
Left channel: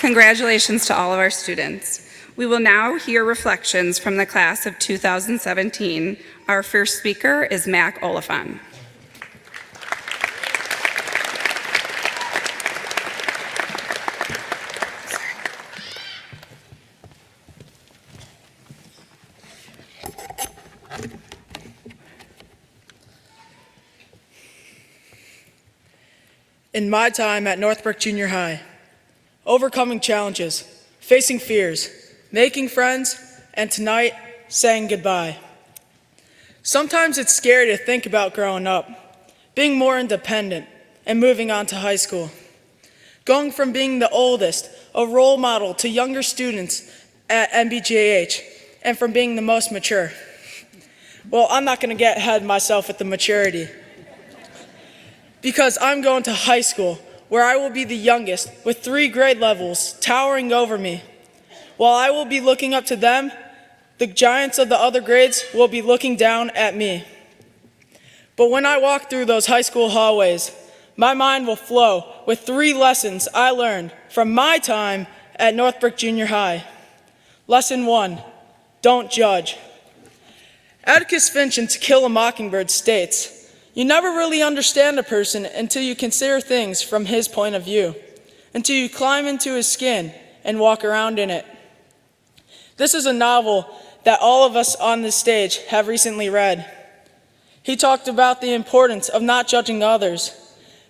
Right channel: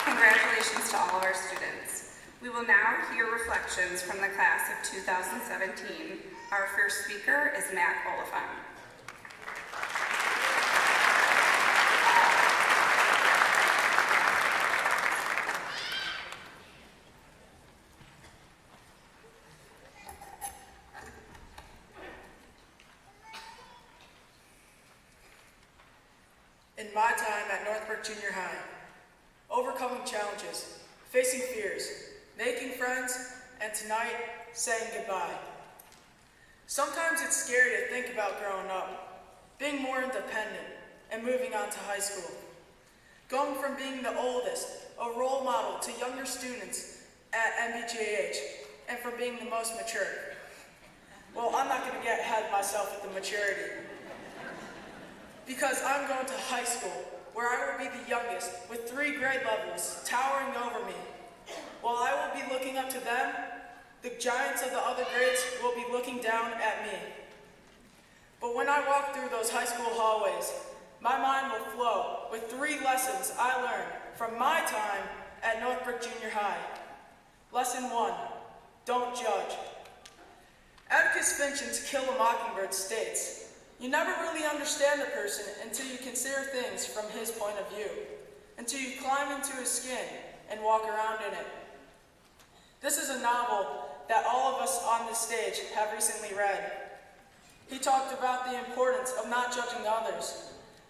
Congratulations to all of our students. We will now hear reflections from the class of 2017. Our first speaker is Mac Oliphant. In my time at Northbrook Junior High, overcoming challenges, facing fears, making friends, and tonight, saying goodbye. Sometimes it's scary to think about growing up, being more independent, and moving on to high school. Going from being the oldest, a role model to younger students at NBJH, and from being the most mature. Well, I'm not gonna get ahead of myself with the maturity, because I'm going to high school, where I will be the youngest with 3 grade levels towering over me. While I will be looking up to them, the giants of the other grades will be looking down at me. But when I walk through those high school hallways, my mind will flow with 3 lessons I learned from my time at Northbrook Junior High. Lesson 1, don't judge. Atticus Finch in To Kill a Mockingbird states, "You never really understand a person until you consider things from his point of view, until you climb into his skin and walk around in it." This is a novel that all of us on this stage have recently read. He talked about the importance of not judging others.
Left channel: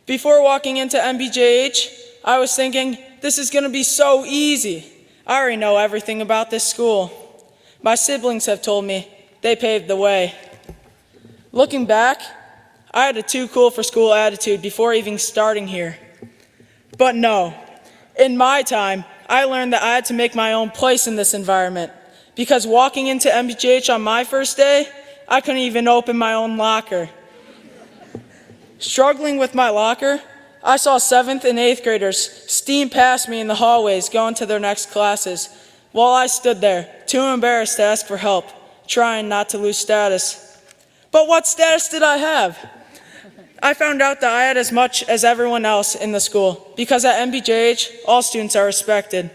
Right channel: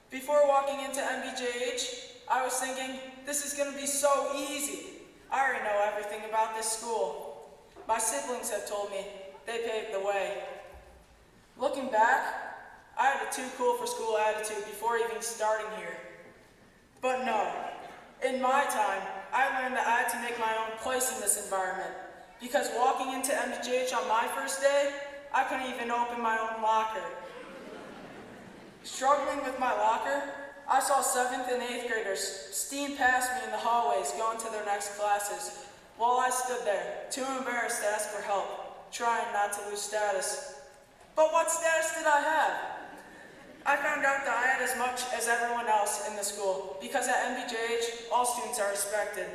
Before walking into MBJH, I was thinking, this is going to be so easy. I already know everything about this school. My siblings have told me they paved the way. Looking back, I had a too cool for school attitude before even starting here. But no, in my time, I learned that I had to make my own place in this environment, because walking into MBJH on my first day, I couldn't even open my own locker. Struggling with my locker, I saw 7th and 8th graders steam past me in the hallways going to their next classes, while I stood there, too embarrassed to ask for help, trying not to lose status. But what status did I have? I found out that I had as much as everyone else in the school, because at MBJH, all students are respected.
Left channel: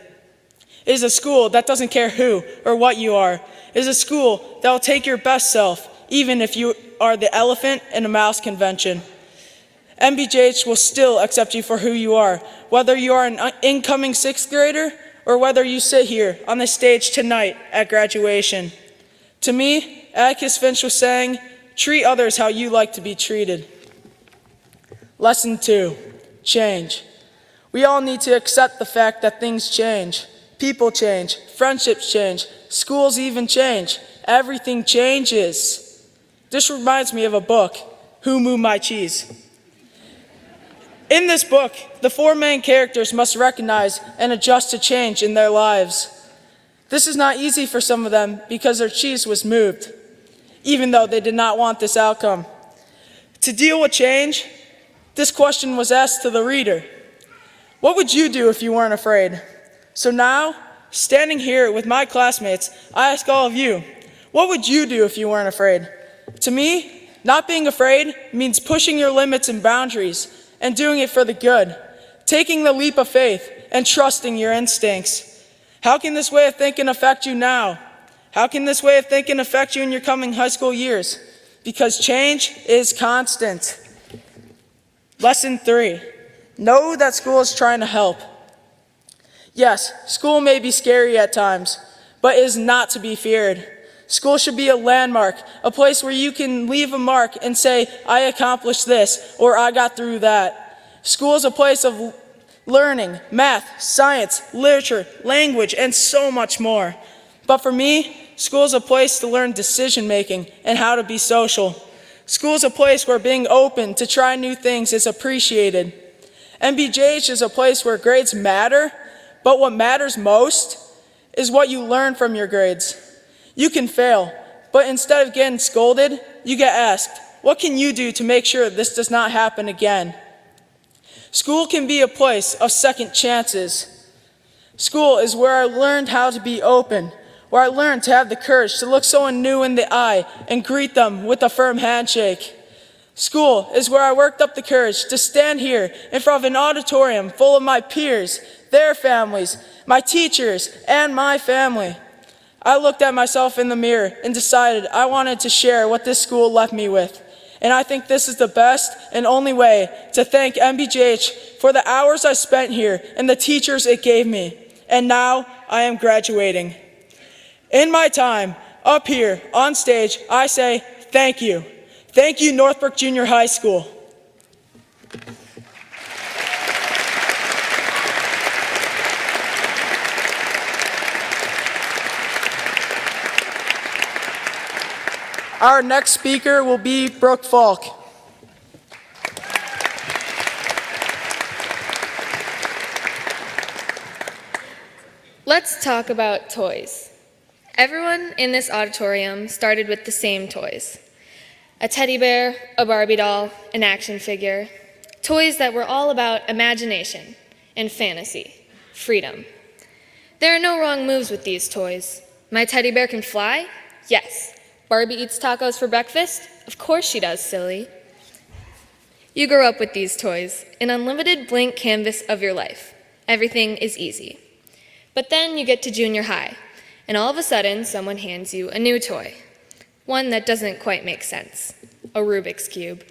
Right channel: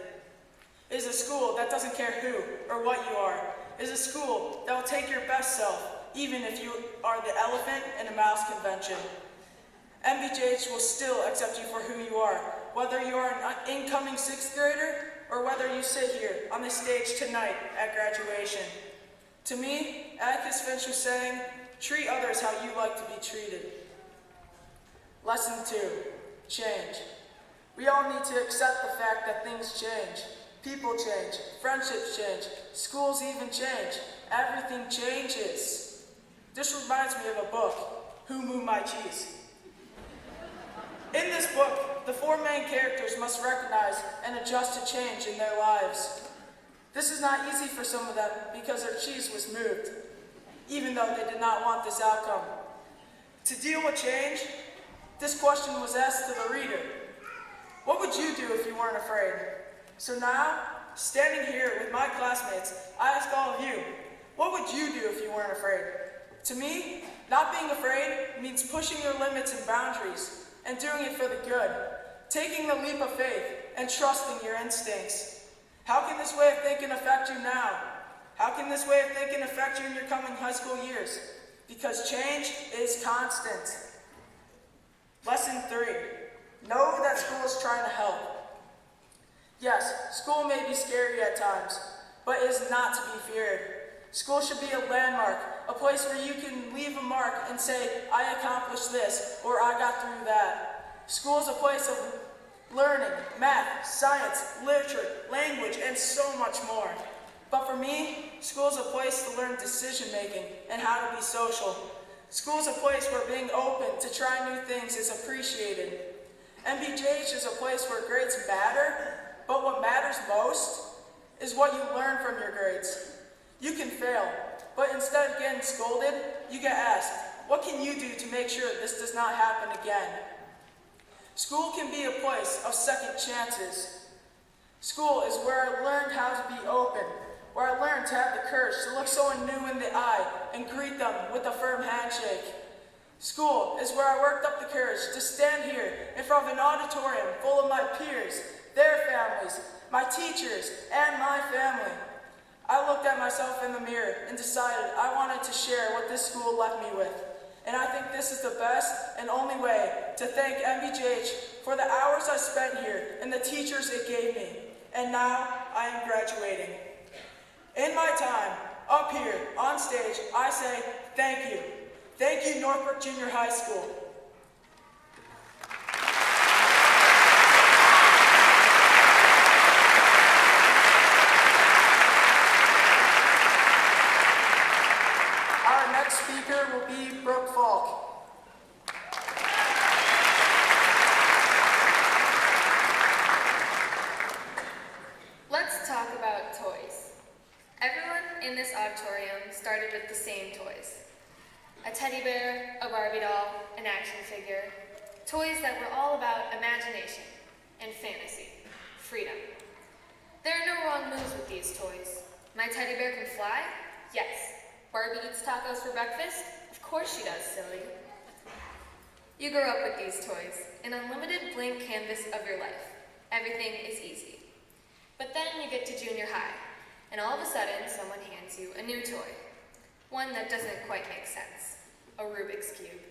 It is a school that doesn't care who or what you are. It is a school that will take your best self, even if you are the elephant in a mouse convention. MBJH will still accept you for who you are, whether you are an incoming sixth grader or whether you sit here on the stage tonight at graduation. To me, Atticus Finch was saying, treat others how you like to be treated. Lesson 2, change. We all need to accept the fact that things change. People change, friendships change, schools even change. Everything changes. This reminds me of a book, Who Moved My Cheese? In this book, the 4 main characters must recognize and adjust to change in their lives. This is not easy for some of them because their cheese was moved, even though they did not want this outcome. To deal with change, this question was asked to the reader. What would you do if you weren't afraid? So now, standing here with my classmates, I ask all of you, what would you do if you weren't afraid? To me, not being afraid means pushing your limits and boundaries and doing it for the good, taking the leap of faith and trusting your instincts. How can this way of thinking affect you now? How can this way of thinking affect you in your coming high school years? Because change is constant. Lesson 3, know that school is trying to help. Yes, school may be scary at times, but it is not to be feared. School should be a landmark, a place where you can leave a mark and say, I accomplished this, or I got through that. School is a place of learning, math, science, literature, language, and so much more. But for me, school is a place to learn decision-making and how to be social. School is a place where being open to try new things is appreciated. MBJH is a place where grades matter, but what matters most is what you learn from your grades. You can fail, but instead of getting scolded, you get asked, what can you do to make sure this does not happen again? School can be a place of second chances. School is where I learned how to be open, where I learned to have the courage to look someone new in the eye and greet them with a firm handshake. School is where I worked up the courage to stand here in front of an auditorium full of my peers, their families, my teachers, and my family. I looked at myself in the mirror and decided I wanted to share what this school left me with. And I think this is the best and only way to thank MBJH for the hours I spent here and the teachers it gave me. And now I am graduating. In my time up here on stage, I say thank you. Thank you, Northbrook Junior High School. Our next speaker will be Brooke Falk. Let's talk about toys. Everyone in this auditorium started with the same toys. A teddy bear, a Barbie doll, an action figure. Toys that were all about imagination and fantasy, freedom. There are no wrong moves with these toys. My teddy bear can fly? Yes. Barbie eats tacos for breakfast? Of course she does, silly. You grow up with these toys, an unlimited blank canvas of your life. Everything is easy. But then you get to junior high, and all of a sudden someone hands you a new toy. One that doesn't quite make sense. A Rubik's Cube.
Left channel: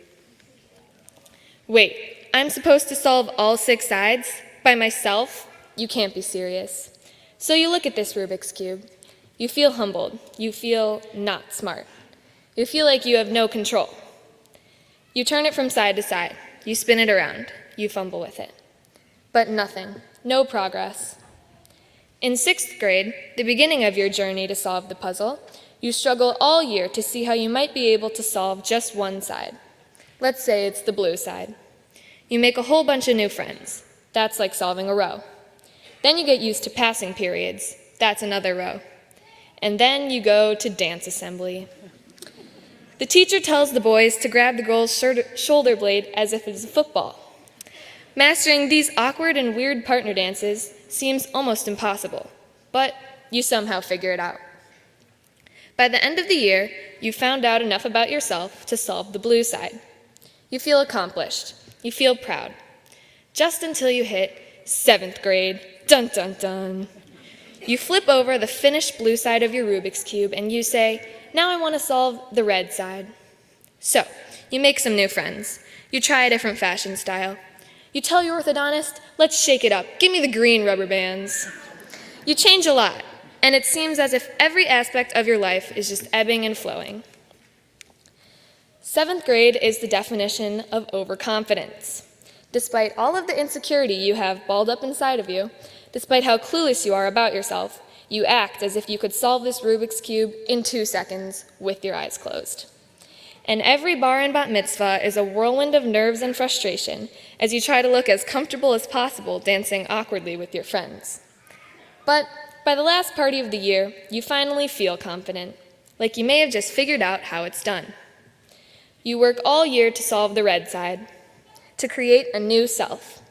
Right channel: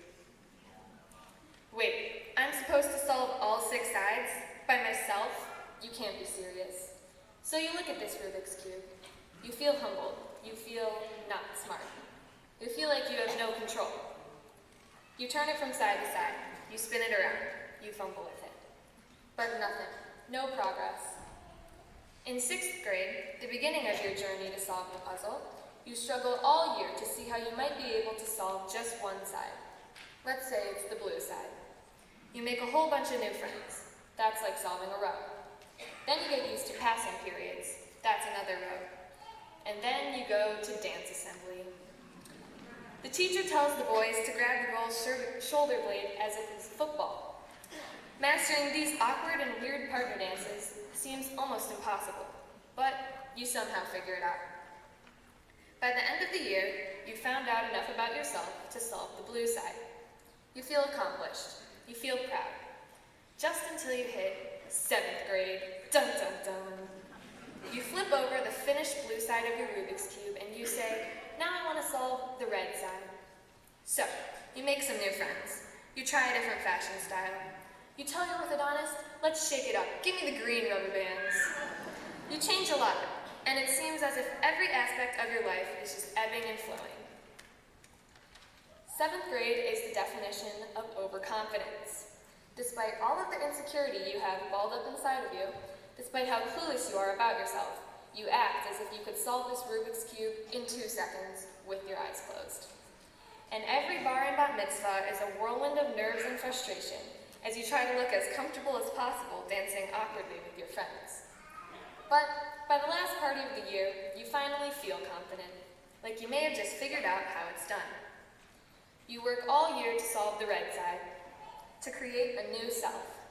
Wait, I'm supposed to solve all 6 sides? By myself? You can't be serious. So you look at this Rubik's Cube. You feel humbled. You feel not smart. You feel like you have no control. You turn it from side to side. You spin it around. You fumble with it. But nothing. No progress. In 6th grade, the beginning of your journey to solve the puzzle, you struggle all year to see how you might be able to solve just one side. Let's say it's the blue side. You make a whole bunch of new friends. That's like solving a row. Then you get used to passing periods. That's another row. And then you go to dance assembly. The teacher tells the boys to grab the girl's shoulder blade as if it's a football. Mastering these awkward and weird partner dances seems almost impossible, but you somehow figure it out. By the end of the year, you found out enough about yourself to solve the blue side. You feel accomplished. You feel proud. Just until you hit 7th grade. Dun dun dun. You flip over the finished blue side of your Rubik's Cube and you say, now I want to solve the red side. So, you make some new friends. You try a different fashion style. You tell your orthodontist, let's shake it up. Give me the green rubber bands. You change a lot, and it seems as if every aspect of your life is just ebbing and flowing. 7th grade is the definition of overconfidence. Despite all of the insecurity you have balled up inside of you, despite how clueless you are about yourself, you act as if you could solve this Rubik's Cube in 2 seconds with your eyes closed. And every bar and bat mitzvah is a whirlwind of nerves and frustration as you try to look as comfortable as possible dancing awkwardly with your friends. But by the last party of the year, you finally feel confident, like you may have just figured out how it's done. You work all year to solve the red side, to create a new self.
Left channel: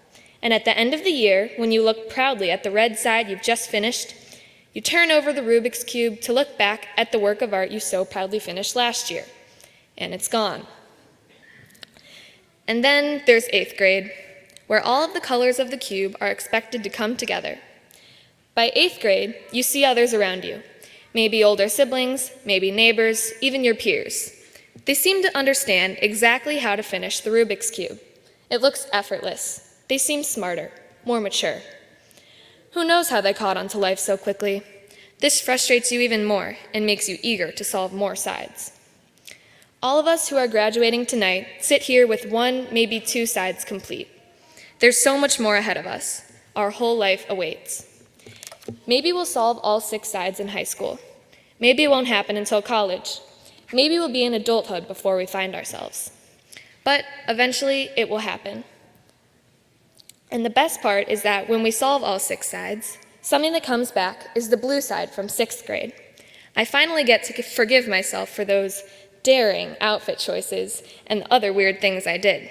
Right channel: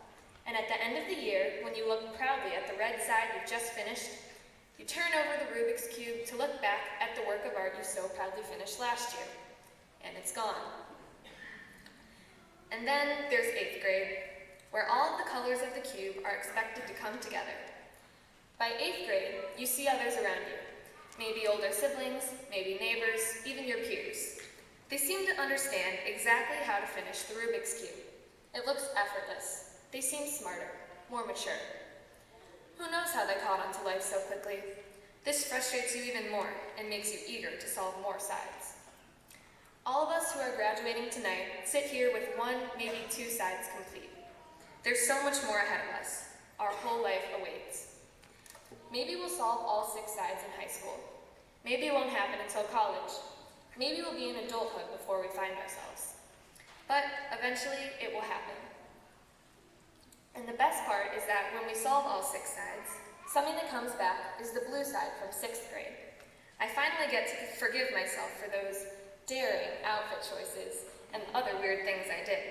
And at the end of the year, when you look proudly at the red side you've just finished, you turn over the Rubik's Cube to look back at the work of art you so proudly finished last year. And it's gone. And then there's 8th grade, where all of the colors of the cube are expected to come together. By 8th grade, you see others around you, maybe older siblings, maybe neighbors, even your peers. They seem to understand exactly how to finish the Rubik's Cube. It looks effortless. They seem smarter, more mature. Who knows how they caught on to life so quickly? This frustrates you even more and makes you eager to solve more sides. All of us who are graduating tonight sit here with 1, maybe 2 sides complete. There's so much more ahead of us. Our whole life awaits. Maybe we'll solve all 6 sides in high school. Maybe it won't happen until college. Maybe we'll be in adulthood before we find ourselves. But eventually, it will happen. And the best part is that when we solve all 6 sides, something that comes back is the blue side from 6th grade. I finally get to forgive myself for those daring outfit choices and other weird things I did.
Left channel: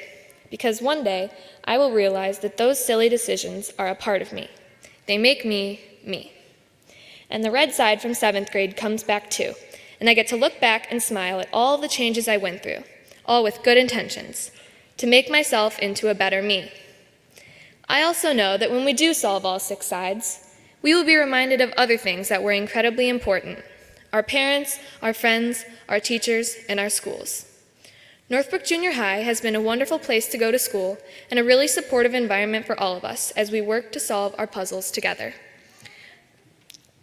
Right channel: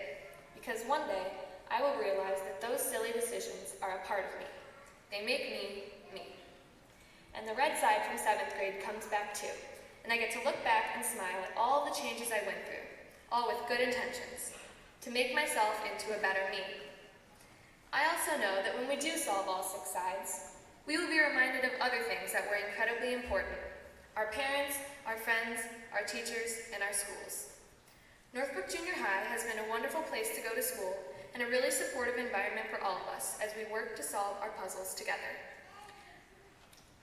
Because one day, I will realize that those silly decisions are a part of me. They make me, me. And the red side from 7th grade comes back too, and I get to look back and smile at all the changes I went through, all with good intentions, to make myself into a better me. I also know that when we do solve all 6 sides, we will be reminded of other things that were incredibly important: our parents, our friends, our teachers, and our schools. Northbrook Junior High has been a wonderful place to go to school and a really supportive environment for all of us as we work to solve our puzzles together.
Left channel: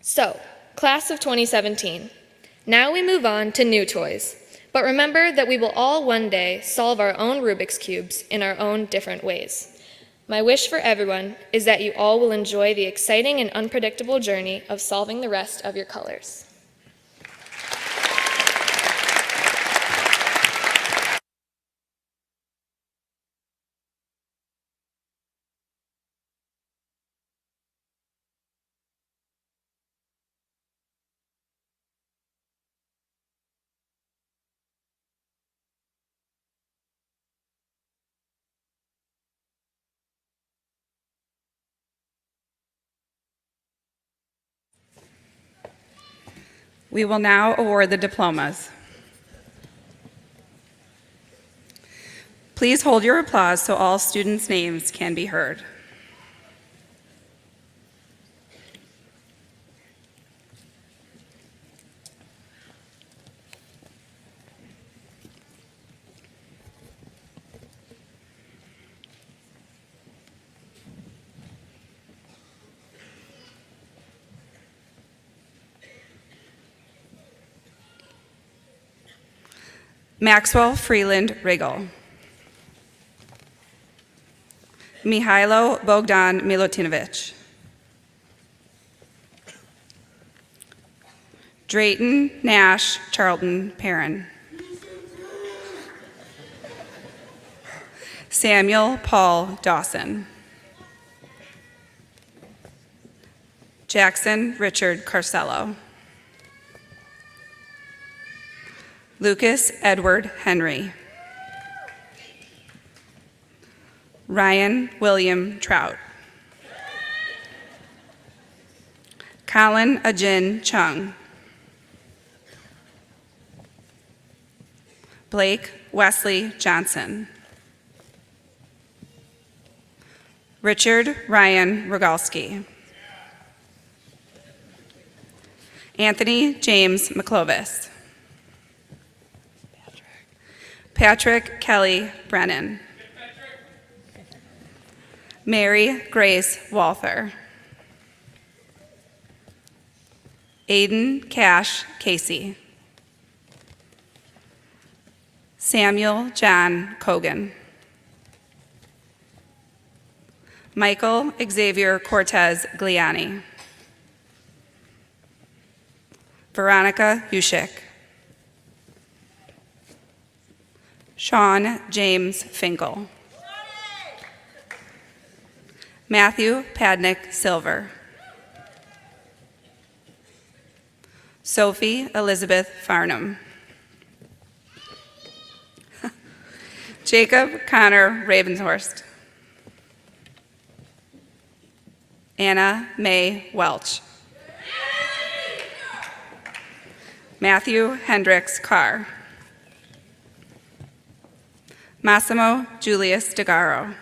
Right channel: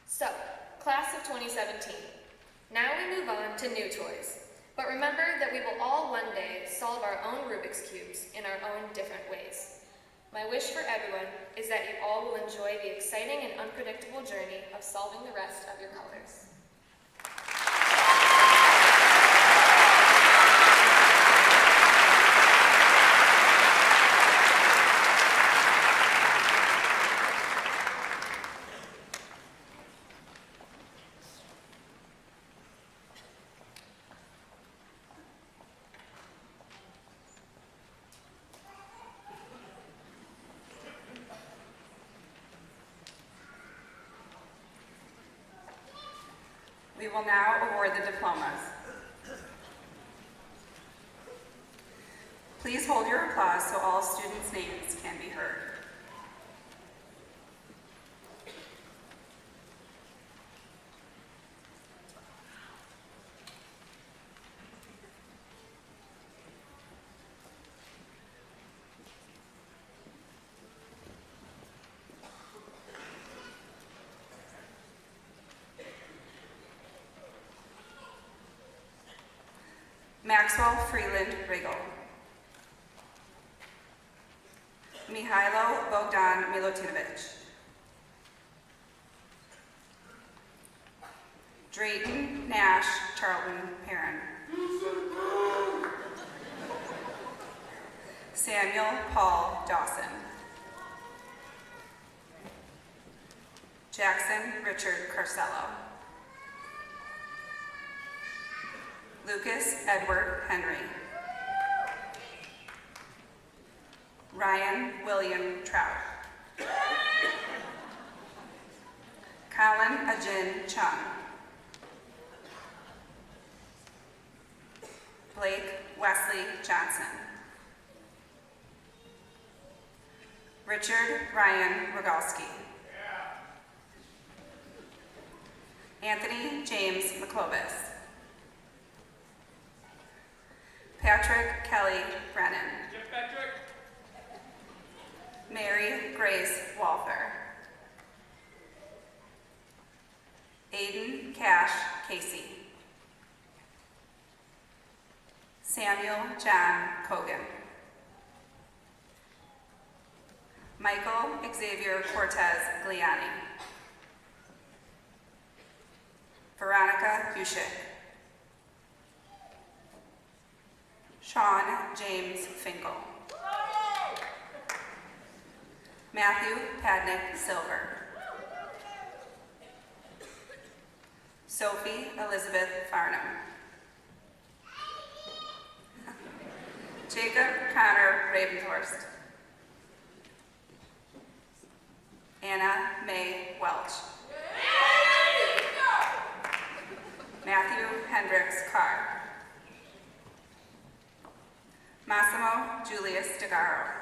So, class of 2017, now we move on to new toys. But remember that we will all one day solve our own Rubik's Cubes in our own different ways. My wish for everyone is that you all will enjoy the exciting and unpredictable journey of solving the rest of your colors. We will now award the diplomas. Please hold your applause so all students' names can be heard. Maxwell Freeland Riggle. Mihailo Bogdan Milutinovic. Drayton Nash Charlton Perrin. Samuel Paul Dawson. Jackson Richard Carcello. Lucas Edward Henry. Ryan William Trout. Colin Ajin Chung. Blake Wesley Johnson. Richard Ryan Rogalski. Anthony James McClovis. Patrick Kelly Brennan. Mary Grace Walther. Aiden Cash Casey. Samuel John Cogan. Michael Xavier Cortez Gliani. Veronica Yushik. Sean James Finkel. Matthew Padnick Silver. Sophie Elizabeth Farnham. Jacob Connor Ravenshorst. Anna Mae Welch. Matthew Hendricks Carr. Massimo Julius DeGaro.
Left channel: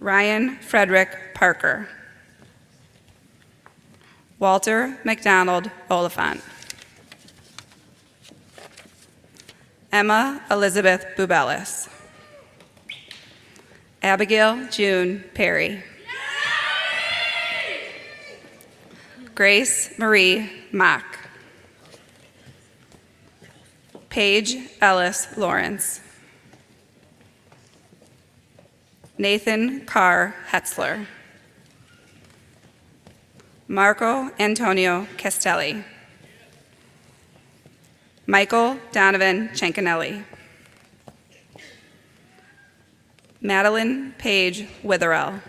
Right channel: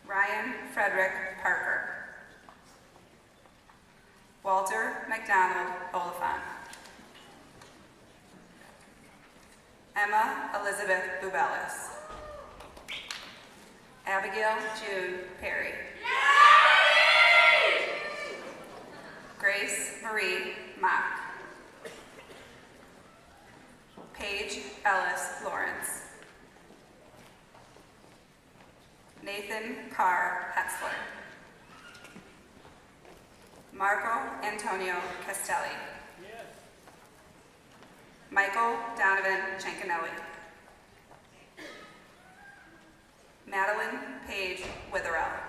Ryan Frederick Parker. Walter McDonald Oliphant. Emma Elizabeth Bubelis. Abigail June Perry. Grace Marie Mock. Paige Ellis Lawrence. Nathan Carr Hetzler. Marco Antonio Castelli. Michael Donovan Ciancanelli. Madeline Paige Witherell.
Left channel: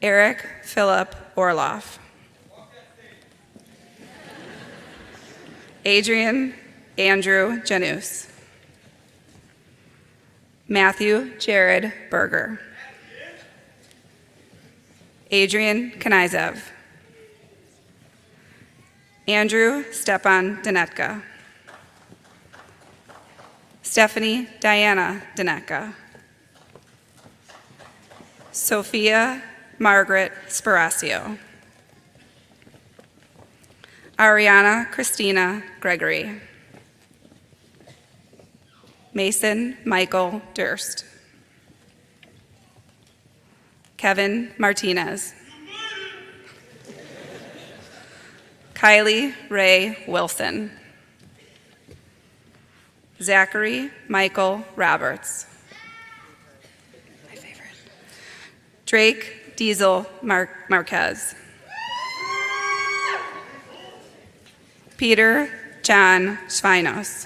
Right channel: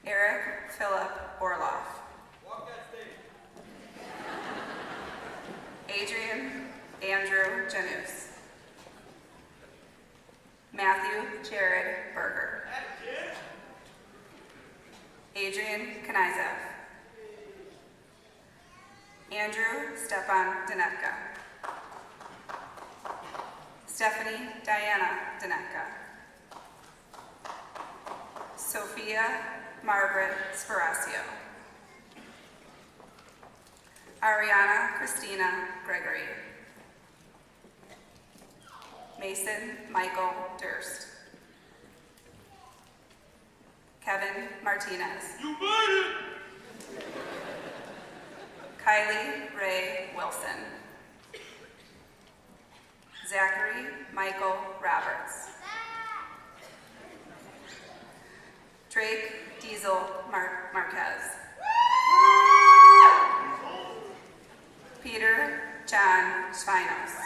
Eric Philip Orloff. Adrian Andrew Janus. Matthew Jared Berger. Adrian Kanizev. Andrew Stepan Danetka. Stephanie Diana Danetka. Sophia Margaret Sparacio. Ariana Christina Gregory. Mason Michael Durst. Kevin Martinez. Kylie Ray Wilson. Zachary Michael Roberts. Drake Diesel Marquez. Peter John Schweinos.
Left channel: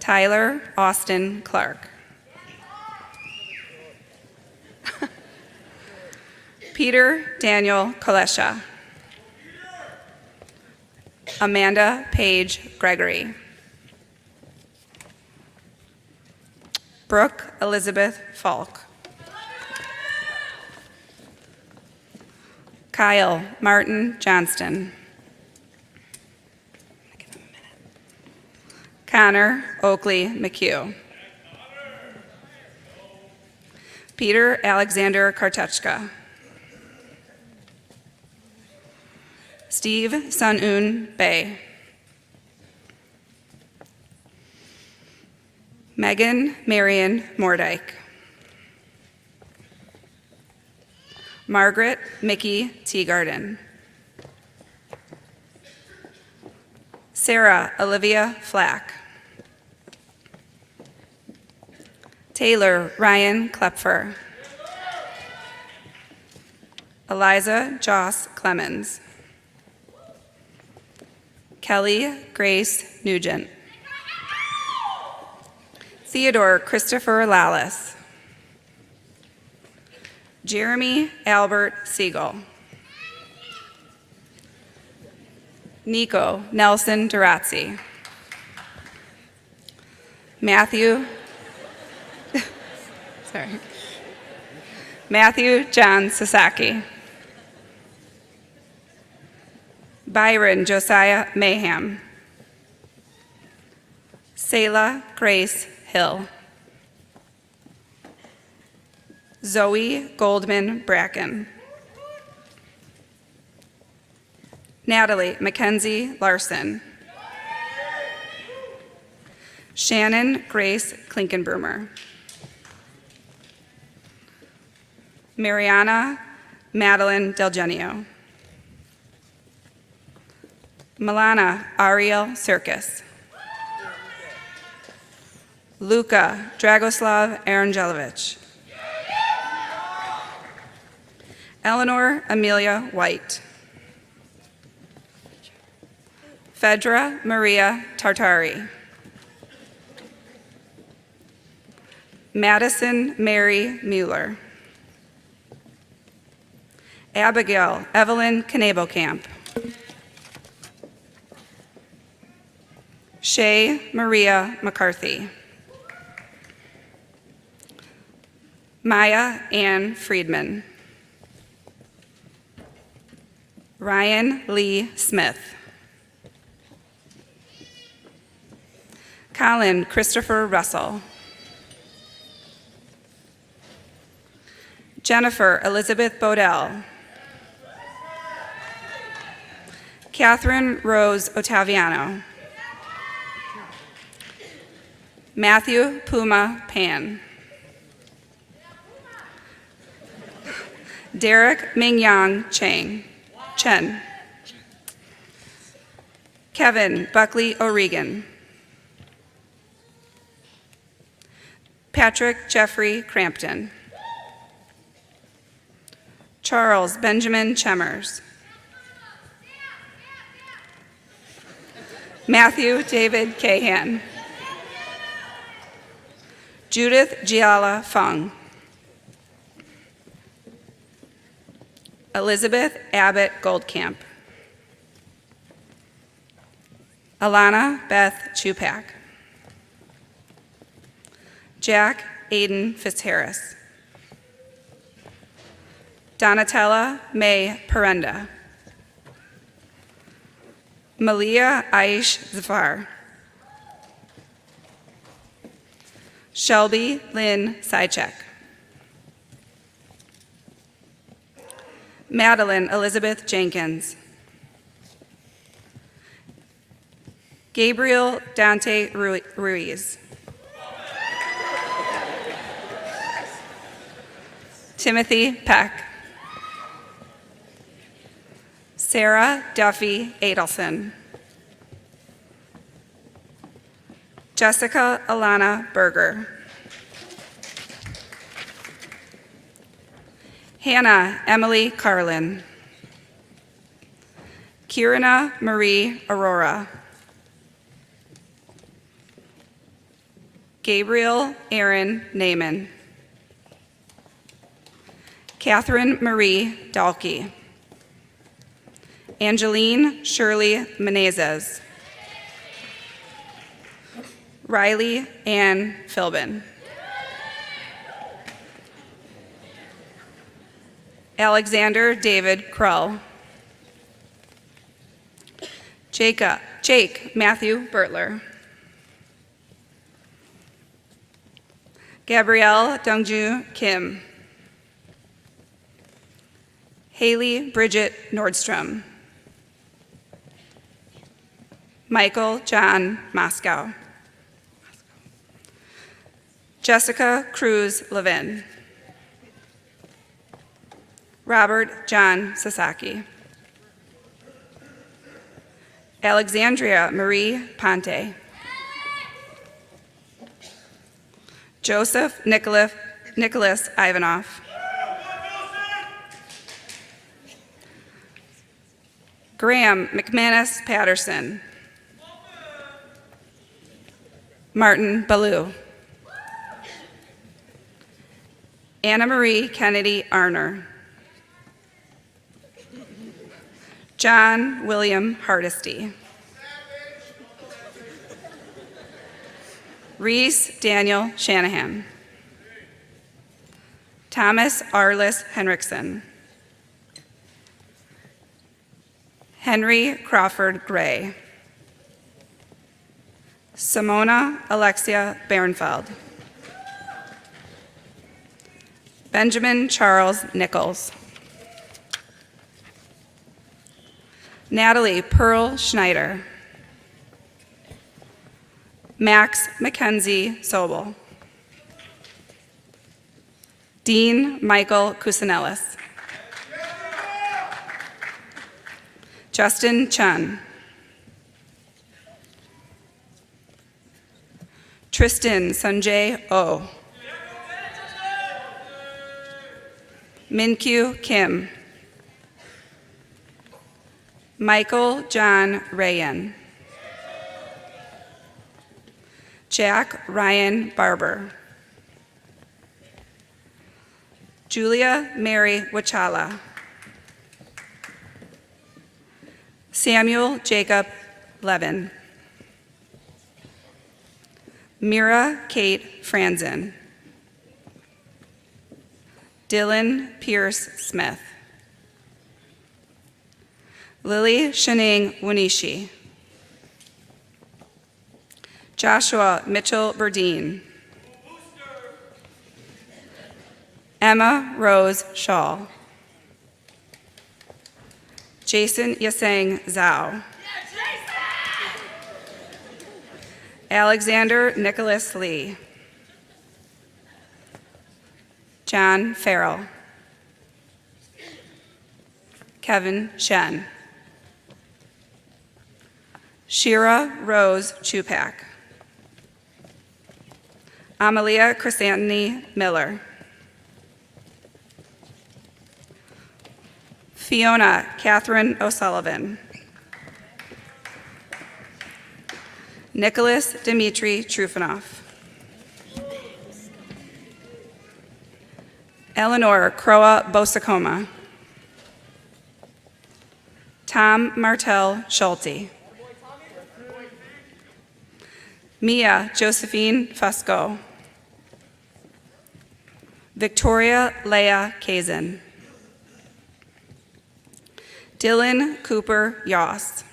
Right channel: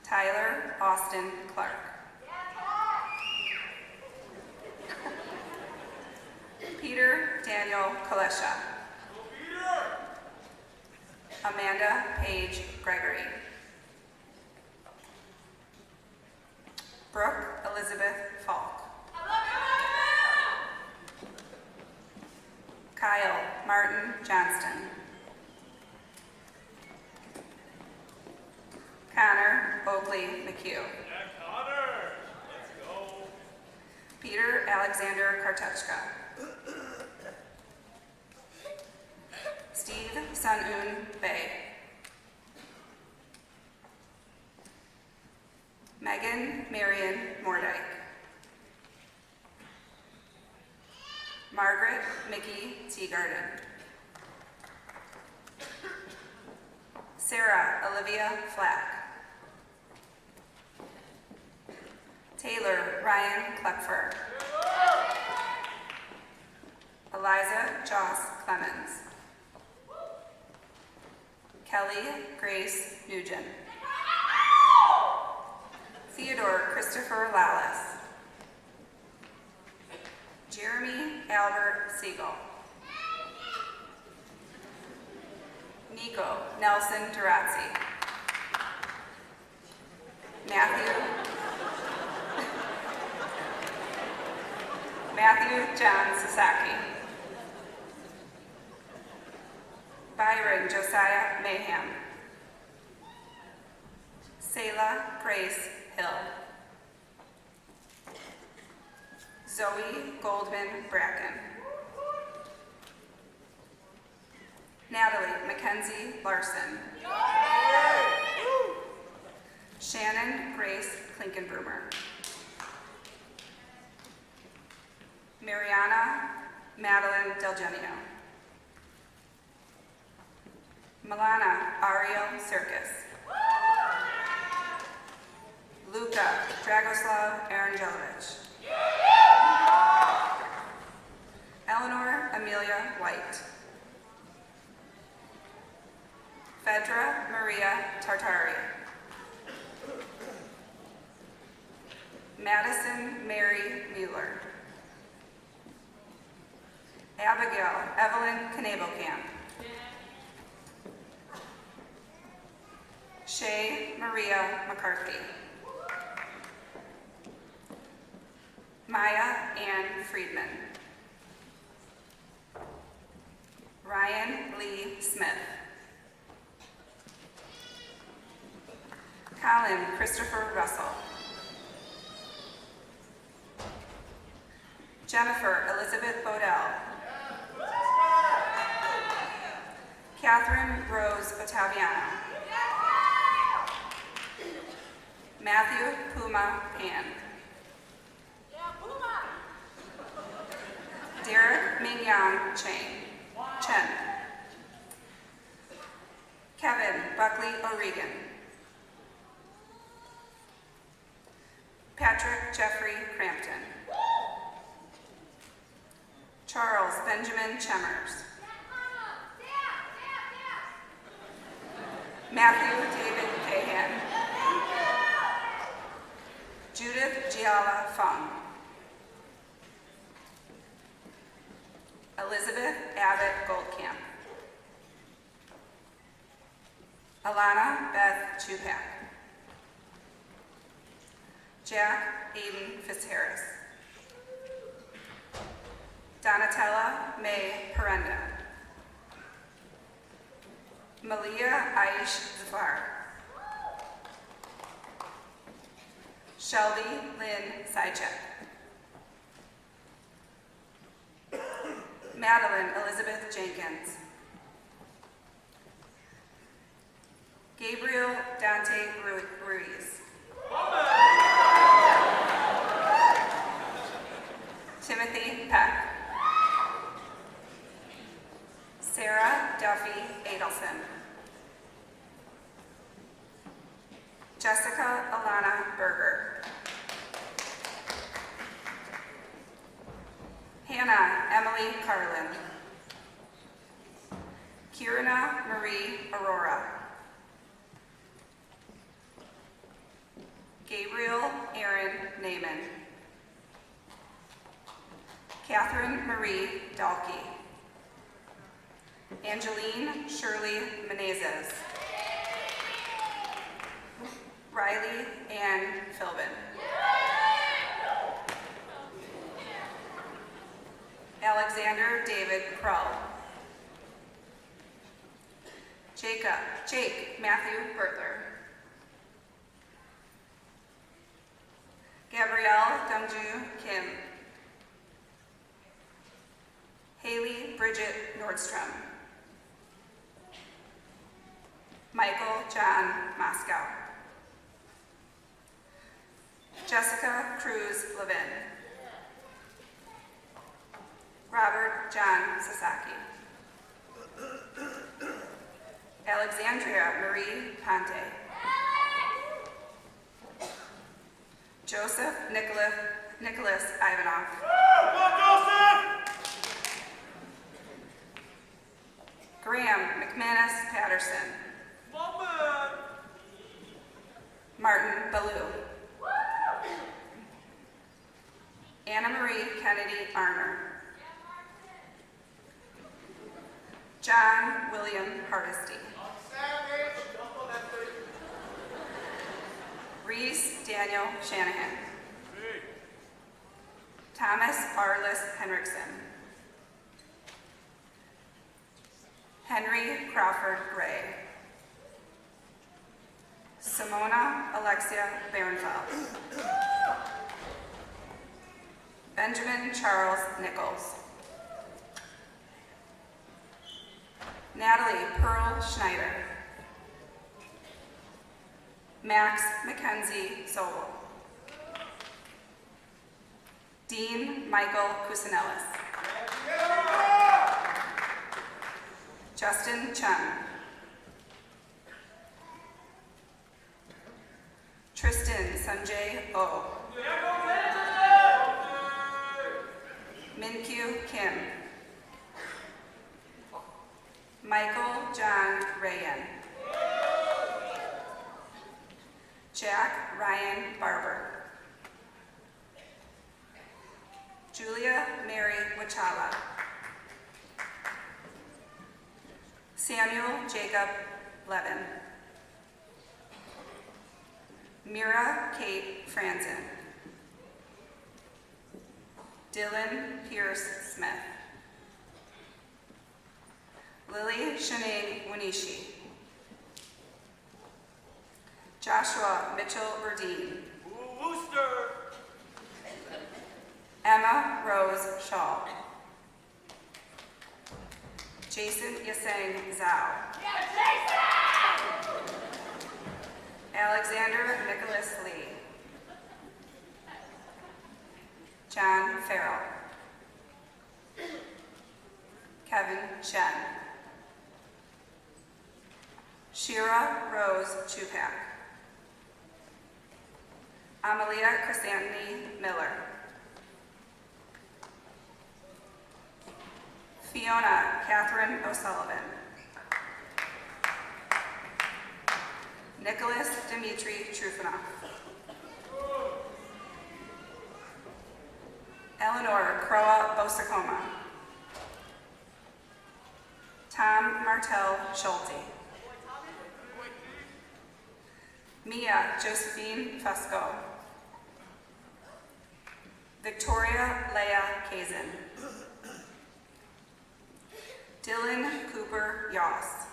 Tyler Austin Clark. Peter Daniel Kalesha. Amanda Paige Gregory. Brooke Elizabeth Falk. Kyle Martin Johnston. Connor Oakley McHugh. Peter Alexander Kartuchka. Steve Sun-un Bay. Megan Marion Mordyke. Margaret Mickey Teagarden. Sarah Olivia Flack. Taylor Ryan Klepfer. Eliza Joss Clemens. Kelly Grace Nugent. Theodore Christopher Lallis. Jeremy Albert Siegel. Nico Nelson Durazzi. Matthew John Sasaki. Byron Josiah Mayham. Selah Grace Hill. Zoe Goldman Bracken. Natalie Mackenzie Larson. Shannon Grace Klinkenbroomer. Mariana Madeline Del Genio. Milana Ariel Circus. Luka Dragoslav Arangelovich. Eleanor Amelia White. Fedra Maria Tartari. Madison Mary Mueller. Abigail Evelyn Knebokamp. Shay Maria McCarthy. Maya Ann Friedman. Ryan Lee Smith. Colin Christopher Russell. Jennifer Elizabeth Bodell. Catherine Rose Ottaviano. Matthew Puma Pan. Derek Mingyang Chen. Kevin Buckley O'Regan. Patrick Jeffrey Crampton. Charles Benjamin Chemmers. Matthew David Cahan. Judith Giala Fung. Elizabeth Abbott Goldcamp. Alana Beth Chupak. Jack Aiden Fitzharris. Donatella May Perenda. Malia Aish Zafar. Shelby Lynn Sychek. Madeline Elizabeth Jenkins. Gabriel Dante Ruiz. Timothy Peck. Sarah Duffy Adelson. Jessica Alana Berger. Hannah Emily Carlin. Kirana Marie Aurora. Gabriel Aaron Naaman. Catherine Marie Dalkey. Angeline Shirley Menezes. Riley Ann Philbin. Alexander David Krull. Jake Matthew Bertler. Gabrielle Dongju Kim. Haley Bridget Nordstrom. Michael John Moscow. Jessica Cruz Levin. Robert John Sasaki. Alexandria Marie Ponte. Joseph Nicholas Ivanov. Graham McManus Patterson. Martin Ballou. Anna Marie Kennedy Arner. John William Hardesty. Reese Daniel Shanahan. Thomas Arliss Henriksen. Henry Crawford Gray. Simona Alexia Bernfeld. Benjamin Charles Nichols. Natalie Pearl Schneider. Max Mackenzie Sobel. Dean Michael Kusinellis. Justin Chun. Tristan Sanjay O. Minkyu Kim. Michael John Rayan. Jack Ryan Barber. Julia Mary Wachala. Samuel Jacob Levin. Mira Kate Franzen. Dylan Pierce Smith. Lily Shanning Wunishi. Joshua Mitchell Burdine. Emma Rose Shaw. Jason Yaseng Zhao. Alexander Nicholas Lee. John Farrell. Kevin Shen. Shira Rose Chupak. Amalia Chrysanthony Miller. Fiona Catherine O'Sullivan. Nicholas Dmitry Trufanoff. Eleanor Croa Bosacoma. Tom Martel Schulte. Mia Josephine Fusco. Victoria Leah Kazin. Dylan Cooper Yoss.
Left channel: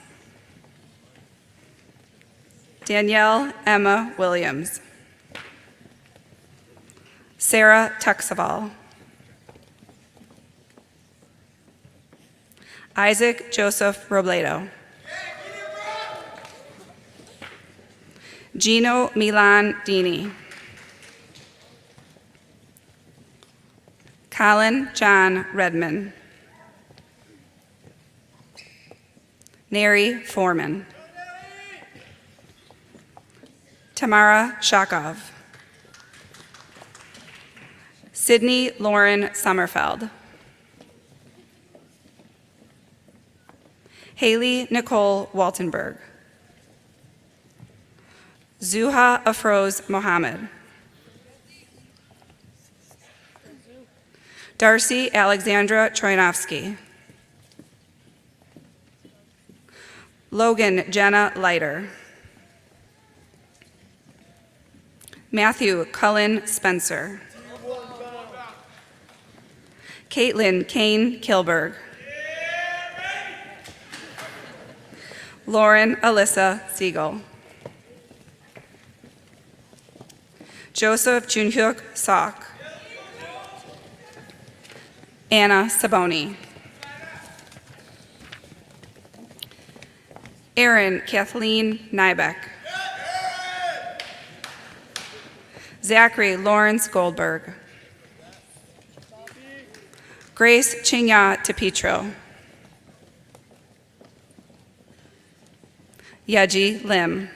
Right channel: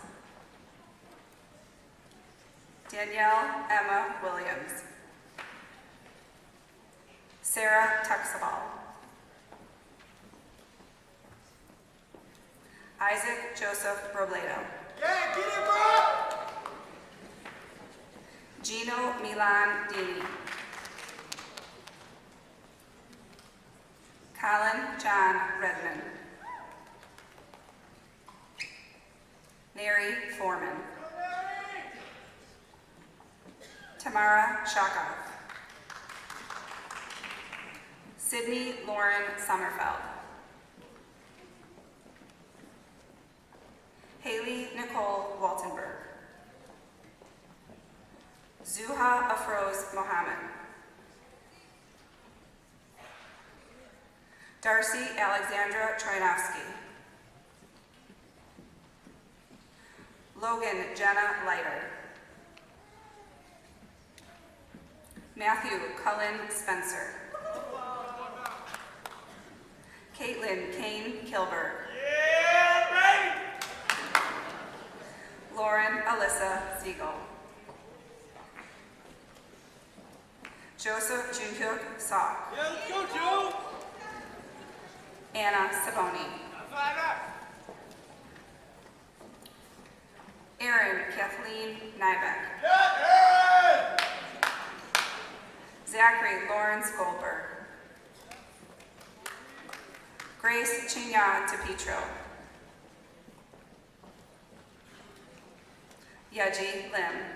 Danielle Emma Williams. Sarah Tuxaval. Isaac Joseph Robledo. Gino Milan Dini. Colin John Redman. Neri Foreman. Tamara Shakov. Sydney Lauren Sommerfeld. Haley Nicole Waltenberg. Zuha Afroz Mohammed. Darcy Alexandra Troinovsky. Logan Jenna Leiter. Matthew Cullen Spencer. Caitlin Kane Kilberg. Lauren Alyssa Siegel. Joseph Junhyuk Sok. Anna Saboni. Erin Kathleen Nybeck. Zachary Lawrence Goldberg. Grace Chinya Tepetro. Yeji Lim.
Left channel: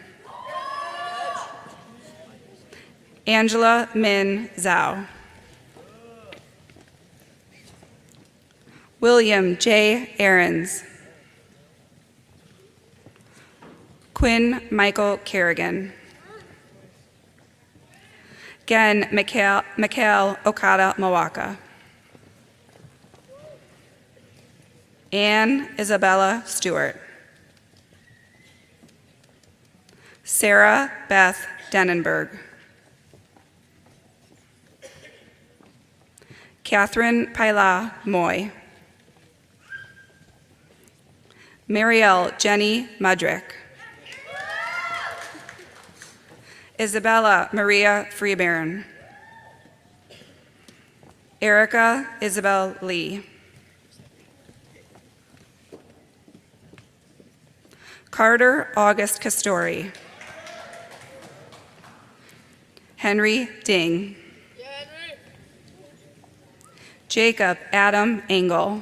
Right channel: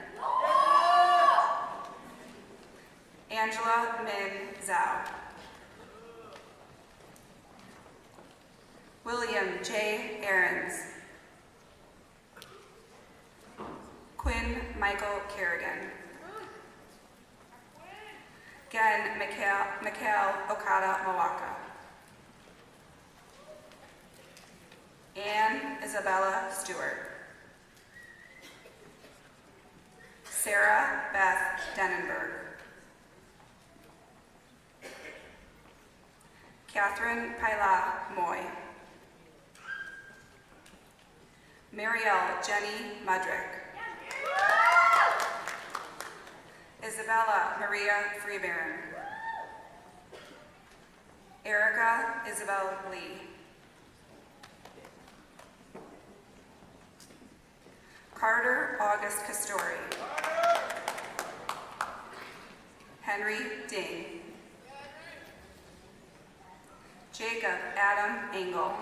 Angela Min Zhao. William J. Aarons. Quinn Michael Kerrigan. Gen Mikhail Okada Mawaka. Anne Isabella Stewart. Sarah Beth Dennenberg. Catherine Paila Moy. Marielle Jenny Mudrick. Isabella Maria Freebairn. Erica Isabel Lee. Carter August Castori. Henry Ding. Jacob Adam Engel.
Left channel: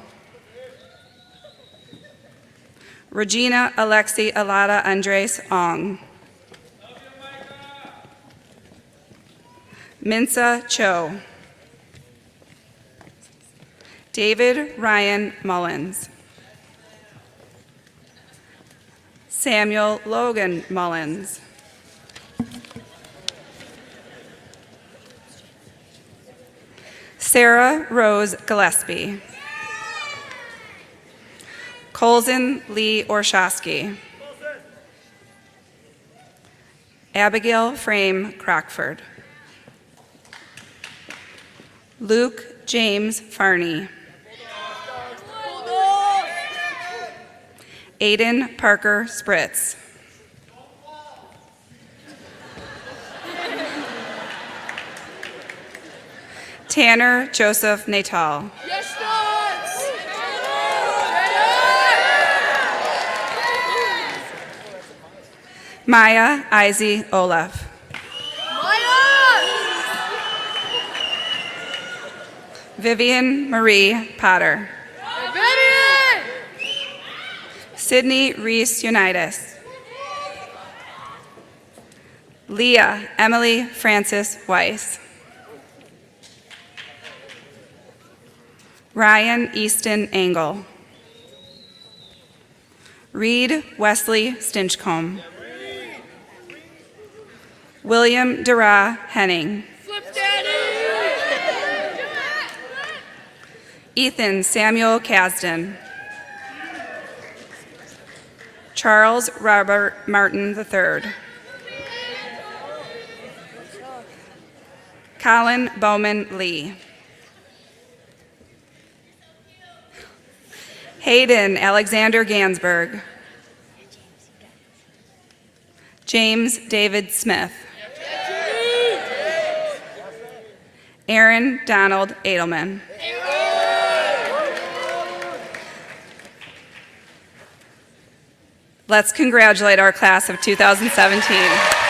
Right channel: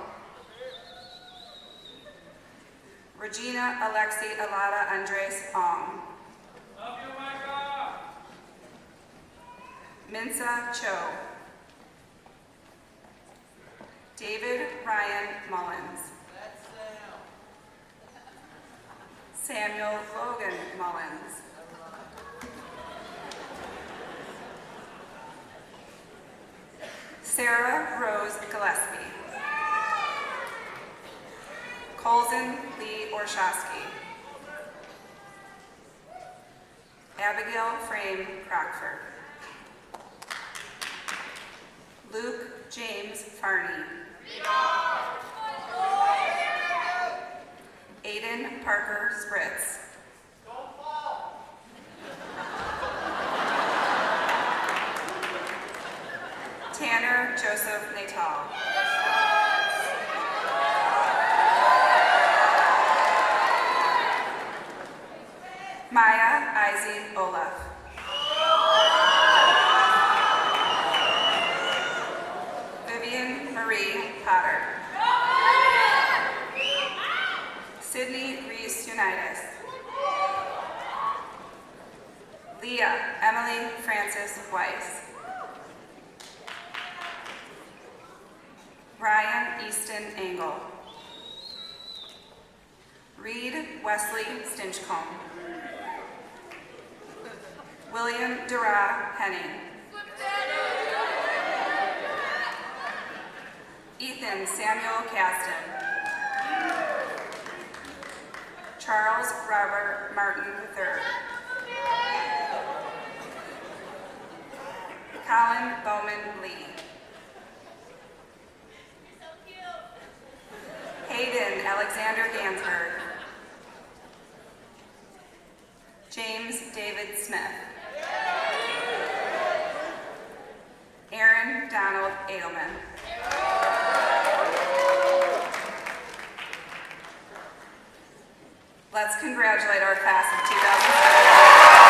Regina Alexi Alada Andres Ong. Minsa Cho. David Ryan Mullins. Samuel Logan Mullins. Sarah Rose Gillespie. Colson Lee Orshowski. Abigail Frame Crockford. Luke James Farney. Aiden Parker Spritz. Tanner Joseph Natal. Maya Izzy Olaf. Vivian Marie Potter. Sydney Reese Unitas. Leah Emily Francis Weiss. Ryan Easton Engel. Reed Wesley Stinchcomb. William Dara Henning. Ethan Samuel Kasdan. Charles Robert Martin III. Colin Bowman Lee. Hayden Alexander Gansberg. James David Smith. Aaron Donald Edelman. Let's congratulate our class of 2017.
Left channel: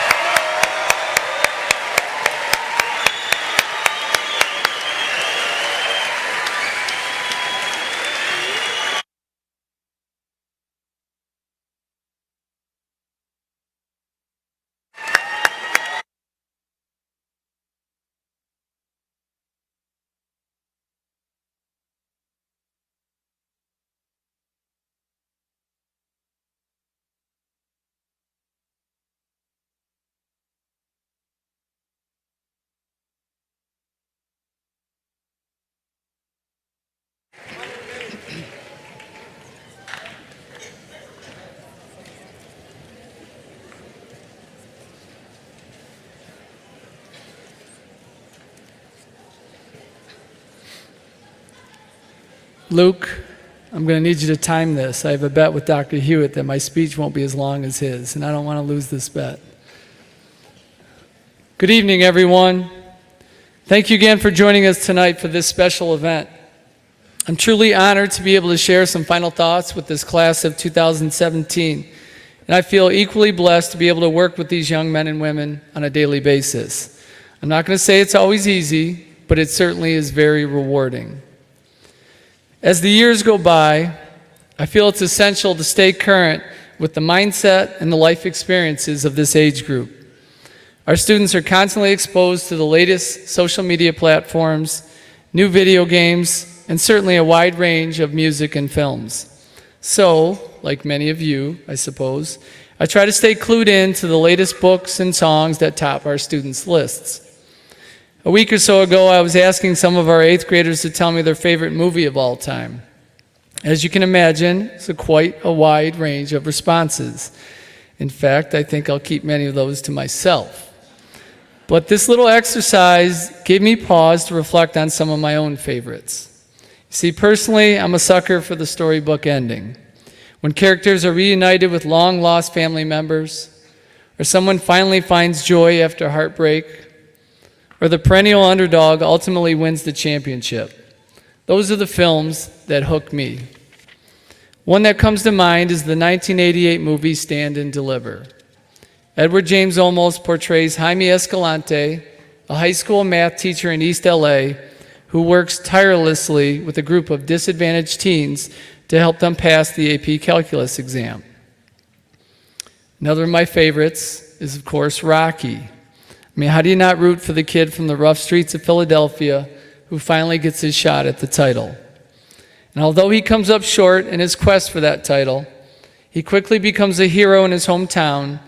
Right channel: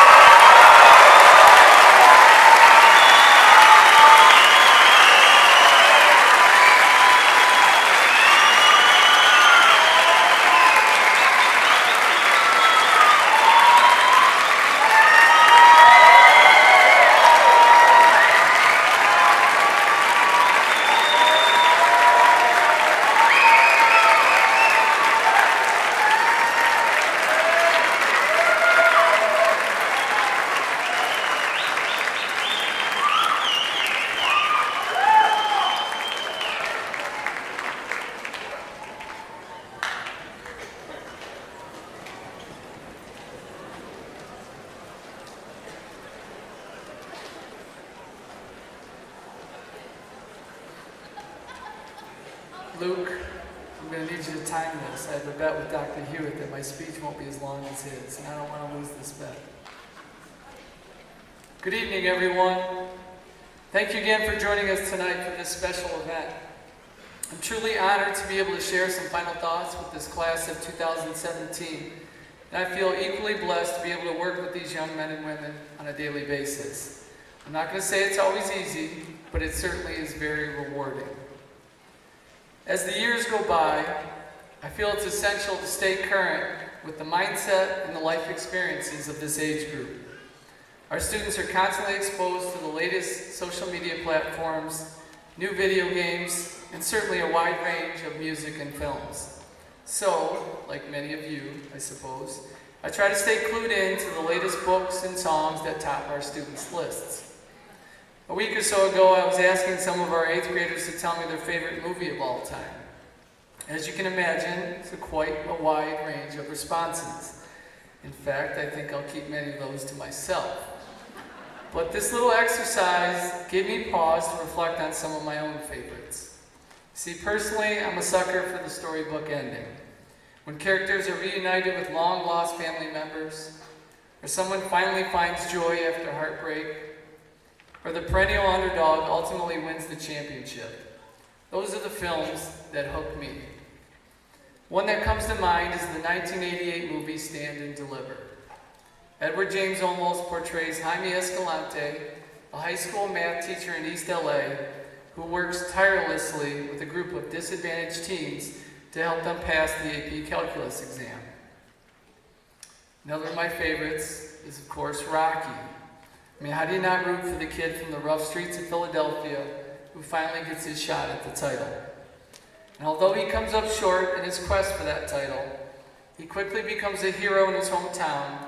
Luke, I'm going to need you to time this. I have a bet with Dr. Hewitt that my speech won't be as long as his, and I don't want to lose this bet. Good evening, everyone. Thank you again for joining us tonight for this special event. I'm truly honored to be able to share some final thoughts with this class of 2017, and I feel equally blessed to be able to work with these young men and women on a daily basis. I'm not going to say it's always easy, but it certainly is very rewarding. As the years go by, I feel it's essential to stay current with the mindset and the life experiences of this age group. Our students are constantly exposed to the latest social media platforms, new video games, and certainly a wide range of music and films. So, like many of you, I suppose, I try to stay clued in to the latest books and songs that top our students' lists. A week or so ago, I was asking some of our 8th graders to tell me their favorite movie of all time. As you can imagine, it's quite a wide range of responses. In fact, I think I'll keep many of those to myself. But this little exercise gave me pause to reflect on some of my own favorites. You see, personally, I'm a sucker for the storybook ending. When characters are reunited with long-lost family members, or someone finally finds joy after heartbreak, or the perennial underdog ultimately wins the championship. Those are the films that hook me. One that comes to mind is the 1988 movie Stand and Deliver. Edward James Olmos portrays Jaime Escalante, a high school math teacher in East LA who works tirelessly with a group of disadvantaged teens to help them pass the AP Calculus exam. Another of my favorites is, of course, Rocky. I mean, how do you not root for the kid from the rough streets of Philadelphia who finally gets his shot at the title? And although he comes up short in his quest for that title, he quickly becomes a hero in his hometown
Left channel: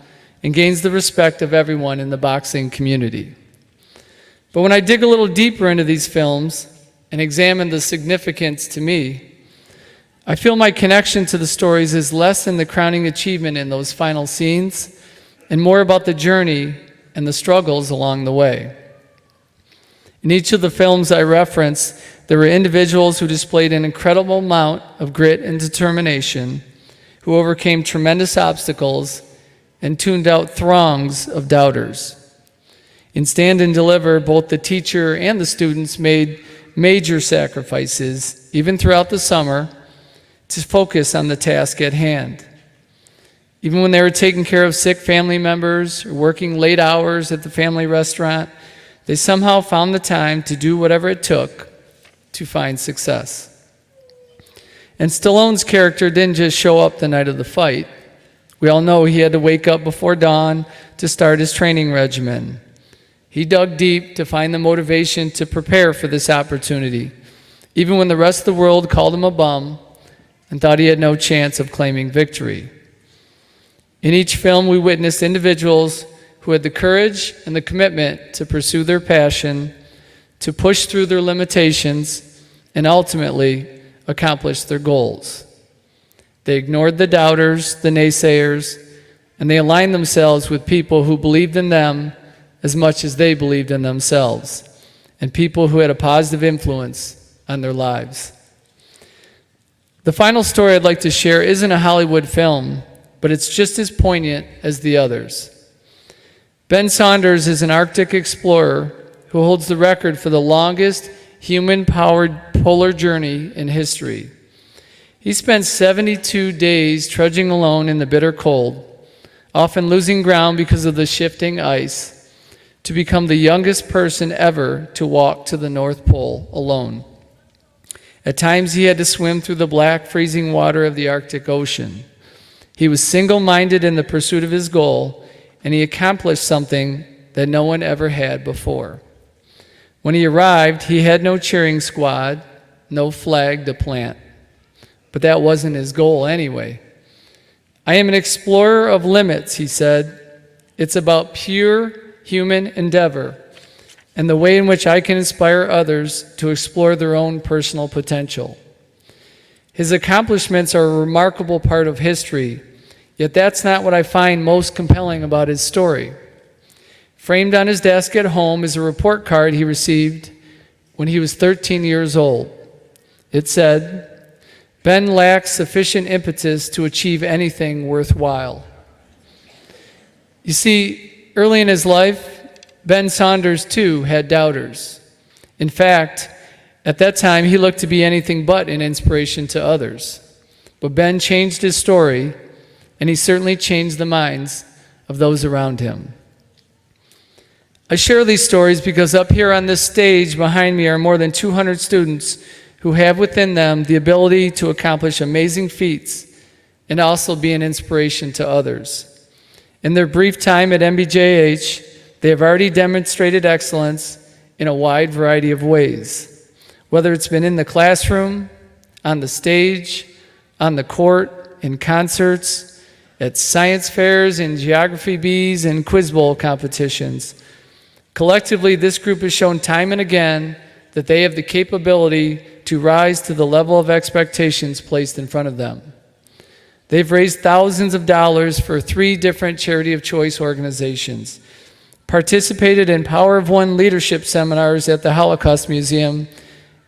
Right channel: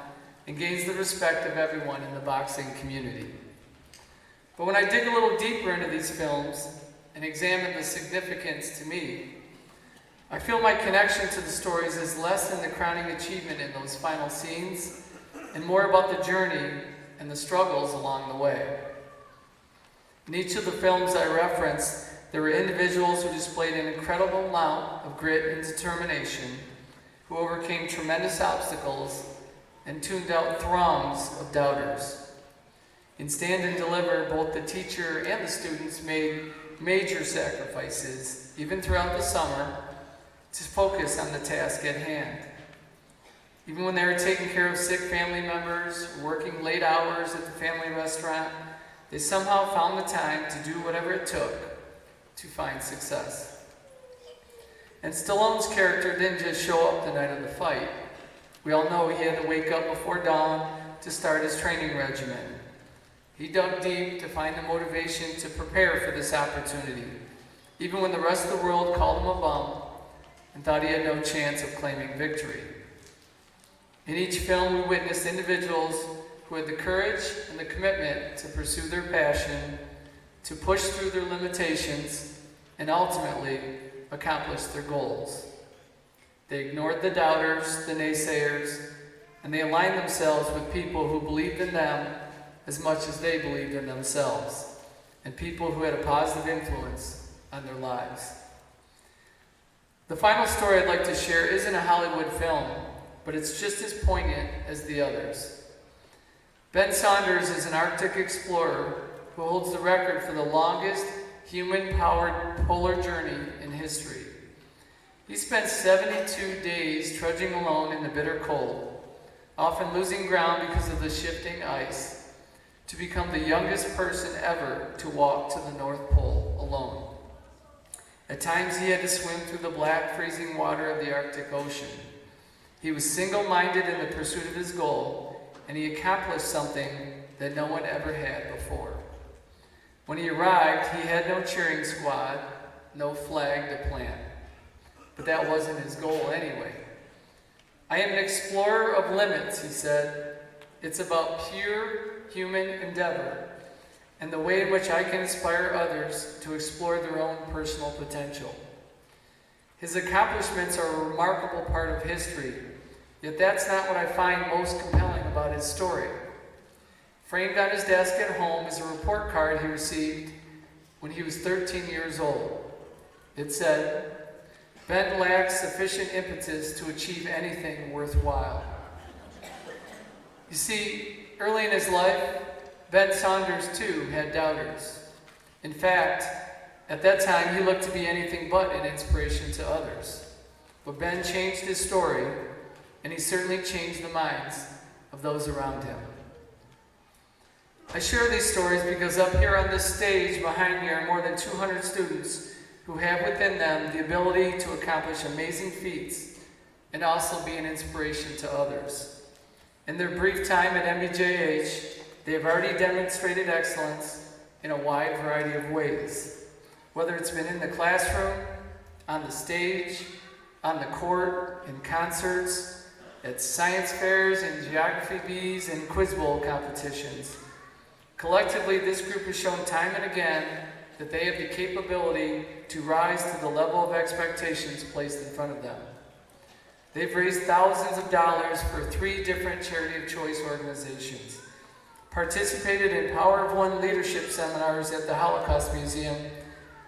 and gains the respect of everyone in the boxing community. But when I dig a little deeper into these films and examine the significance to me, I feel my connection to the stories is less than the crowning achievement in those final scenes and more about the journey and the struggles along the way. In each of the films I reference, there were individuals who displayed an incredible amount of grit and determination, who overcame tremendous obstacles and tuned out throngs of doubters. In Stand and Deliver, both the teacher and the students made major sacrifices, even throughout the summer, to focus on the task at hand. Even when they were taking care of sick family members or working late hours at the family restaurant, they somehow found the time to do whatever it took to find success. And Stallone's character didn't just show up the night of the fight. We all know he had to wake up before dawn to start his training regimen. He dug deep to find the motivation to prepare for this opportunity, even when the rest of the world called him a bum and thought he had no chance of claiming victory. In each film, we witnessed individuals who had the courage and the commitment to pursue their passion, to push through their limitations, and ultimately accomplish their goals. They ignored the doubters, the naysayers, and they aligned themselves with people who believed in them as much as they believed in themselves, and people who had a positive influence on their lives. The final story I'd like to share isn't a Hollywood film, but it's just as poignant as the others. Ben Saunders is an Arctic explorer who holds the record for the longest human-powered polar journey in history. He spent 72 days trudging alone in the bitter cold, often losing ground because of the shifting ice, to become the youngest person ever to walk to the North Pole alone. At times he had to swim through the black, freezing water of the Arctic Ocean. He was single-minded in the pursuit of his goal, and he accomplished something that no one ever had before. When he arrived, he had no cheering squad, no flag to plant. But that wasn't his goal anyway. "I am an explorer of limits," he said. "It's about pure human endeavor and the way in which I can inspire others to explore their own personal potential." His accomplishments are a remarkable part of history, yet that's not what I find most compelling about his story. Framed on his desk at home is a report card he received when he was 13 years old. It said, "Ben lacks sufficient impetus to achieve anything worthwhile." You see, early in his life, Ben Saunders too had doubters. In fact, at that time he looked to be anything but an inspiration to others. But Ben changed his story, and he certainly changed the minds of those around him. I share these stories because up here on this stage behind me are more than 200 students who have within them the ability to accomplish amazing feats and also be an inspiration to others. In their brief time at MBJH, they have already demonstrated excellence in a wide variety of ways, whether it's been in the classroom, on the stage, on the court, in concerts, at science fairs, in geography bees, and quiz bowl competitions. Collectively, this group has shown time and again that they have the capability to rise to the level of expectations placed in front of them. They've raised thousands of dollars for 3 different charity of choice organizations, participated in Power of One leadership seminars at the Holocaust Museum,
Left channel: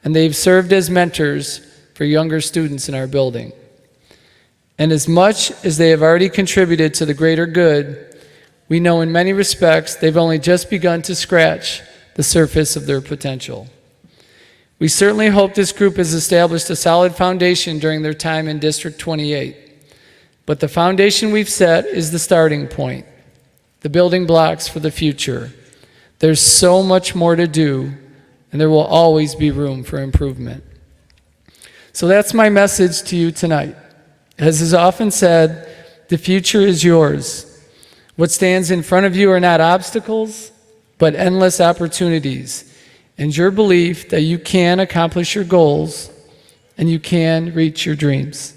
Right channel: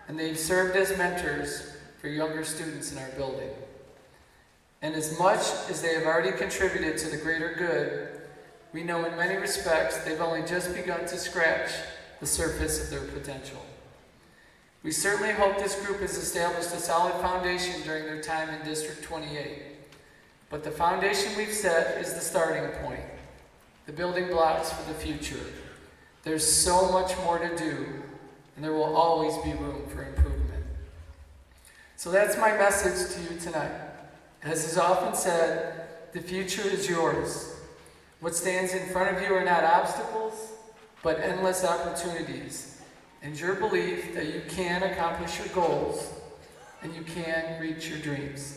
and they've served as mentors for younger students in our building. And as much as they have already contributed to the greater good, we know in many respects they've only just begun to scratch the surface of their potential. We certainly hope this group has established a solid foundation during their time in District 28. But the foundation we've set is the starting point, the building blocks for the future. There's so much more to do, and there will always be room for improvement. So that's my message to you tonight. As is often said, the future is yours. What stands in front of you are not obstacles, but endless opportunities, and your belief that you can accomplish your goals and you can reach your dreams.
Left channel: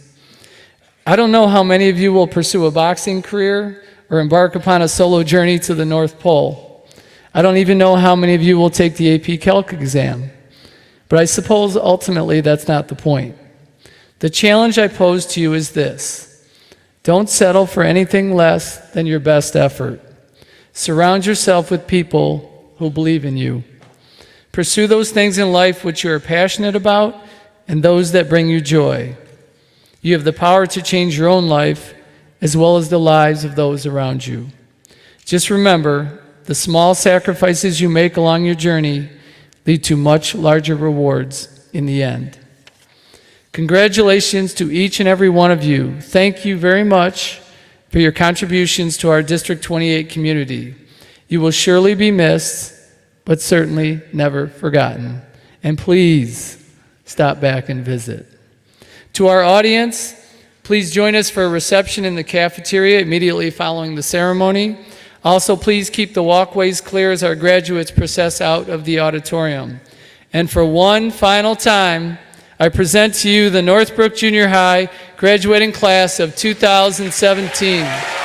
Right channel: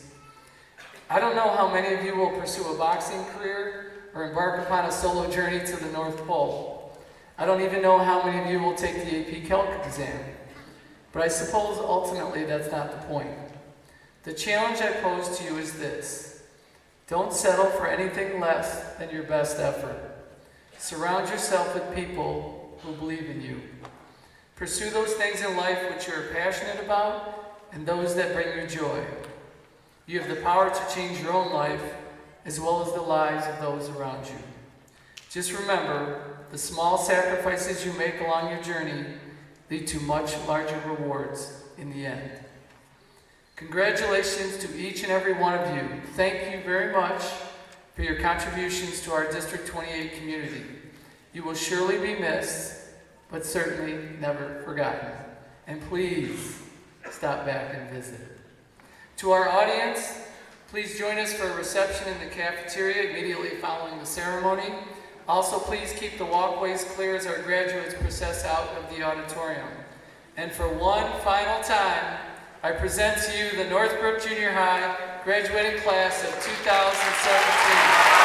I don't know how many of you will pursue a boxing career or embark upon a solo journey to the North Pole. I don't even know how many of you will take the AP Calc exam. But I suppose ultimately that's not the point. The challenge I pose to you is this: don't settle for anything less than your best effort. Surround yourself with people who believe in you. Pursue those things in life which you are passionate about and those that bring you joy. You have the power to change your own life as well as the lives of those around you. Just remember, the small sacrifices you make along your journey lead to much larger rewards in the end. Congratulations to each and every one of you. Thank you very much for your contributions to our District 28 community. You will surely be missed, but certainly never forgotten. And please stop back and visit. To our audience, please join us for a reception in the cafeteria immediately following the ceremony. Also, please keep the walkways clear as our graduates process out of the auditorium. And for one final time, I present to you the Northbrook Junior High graduating class of 2017.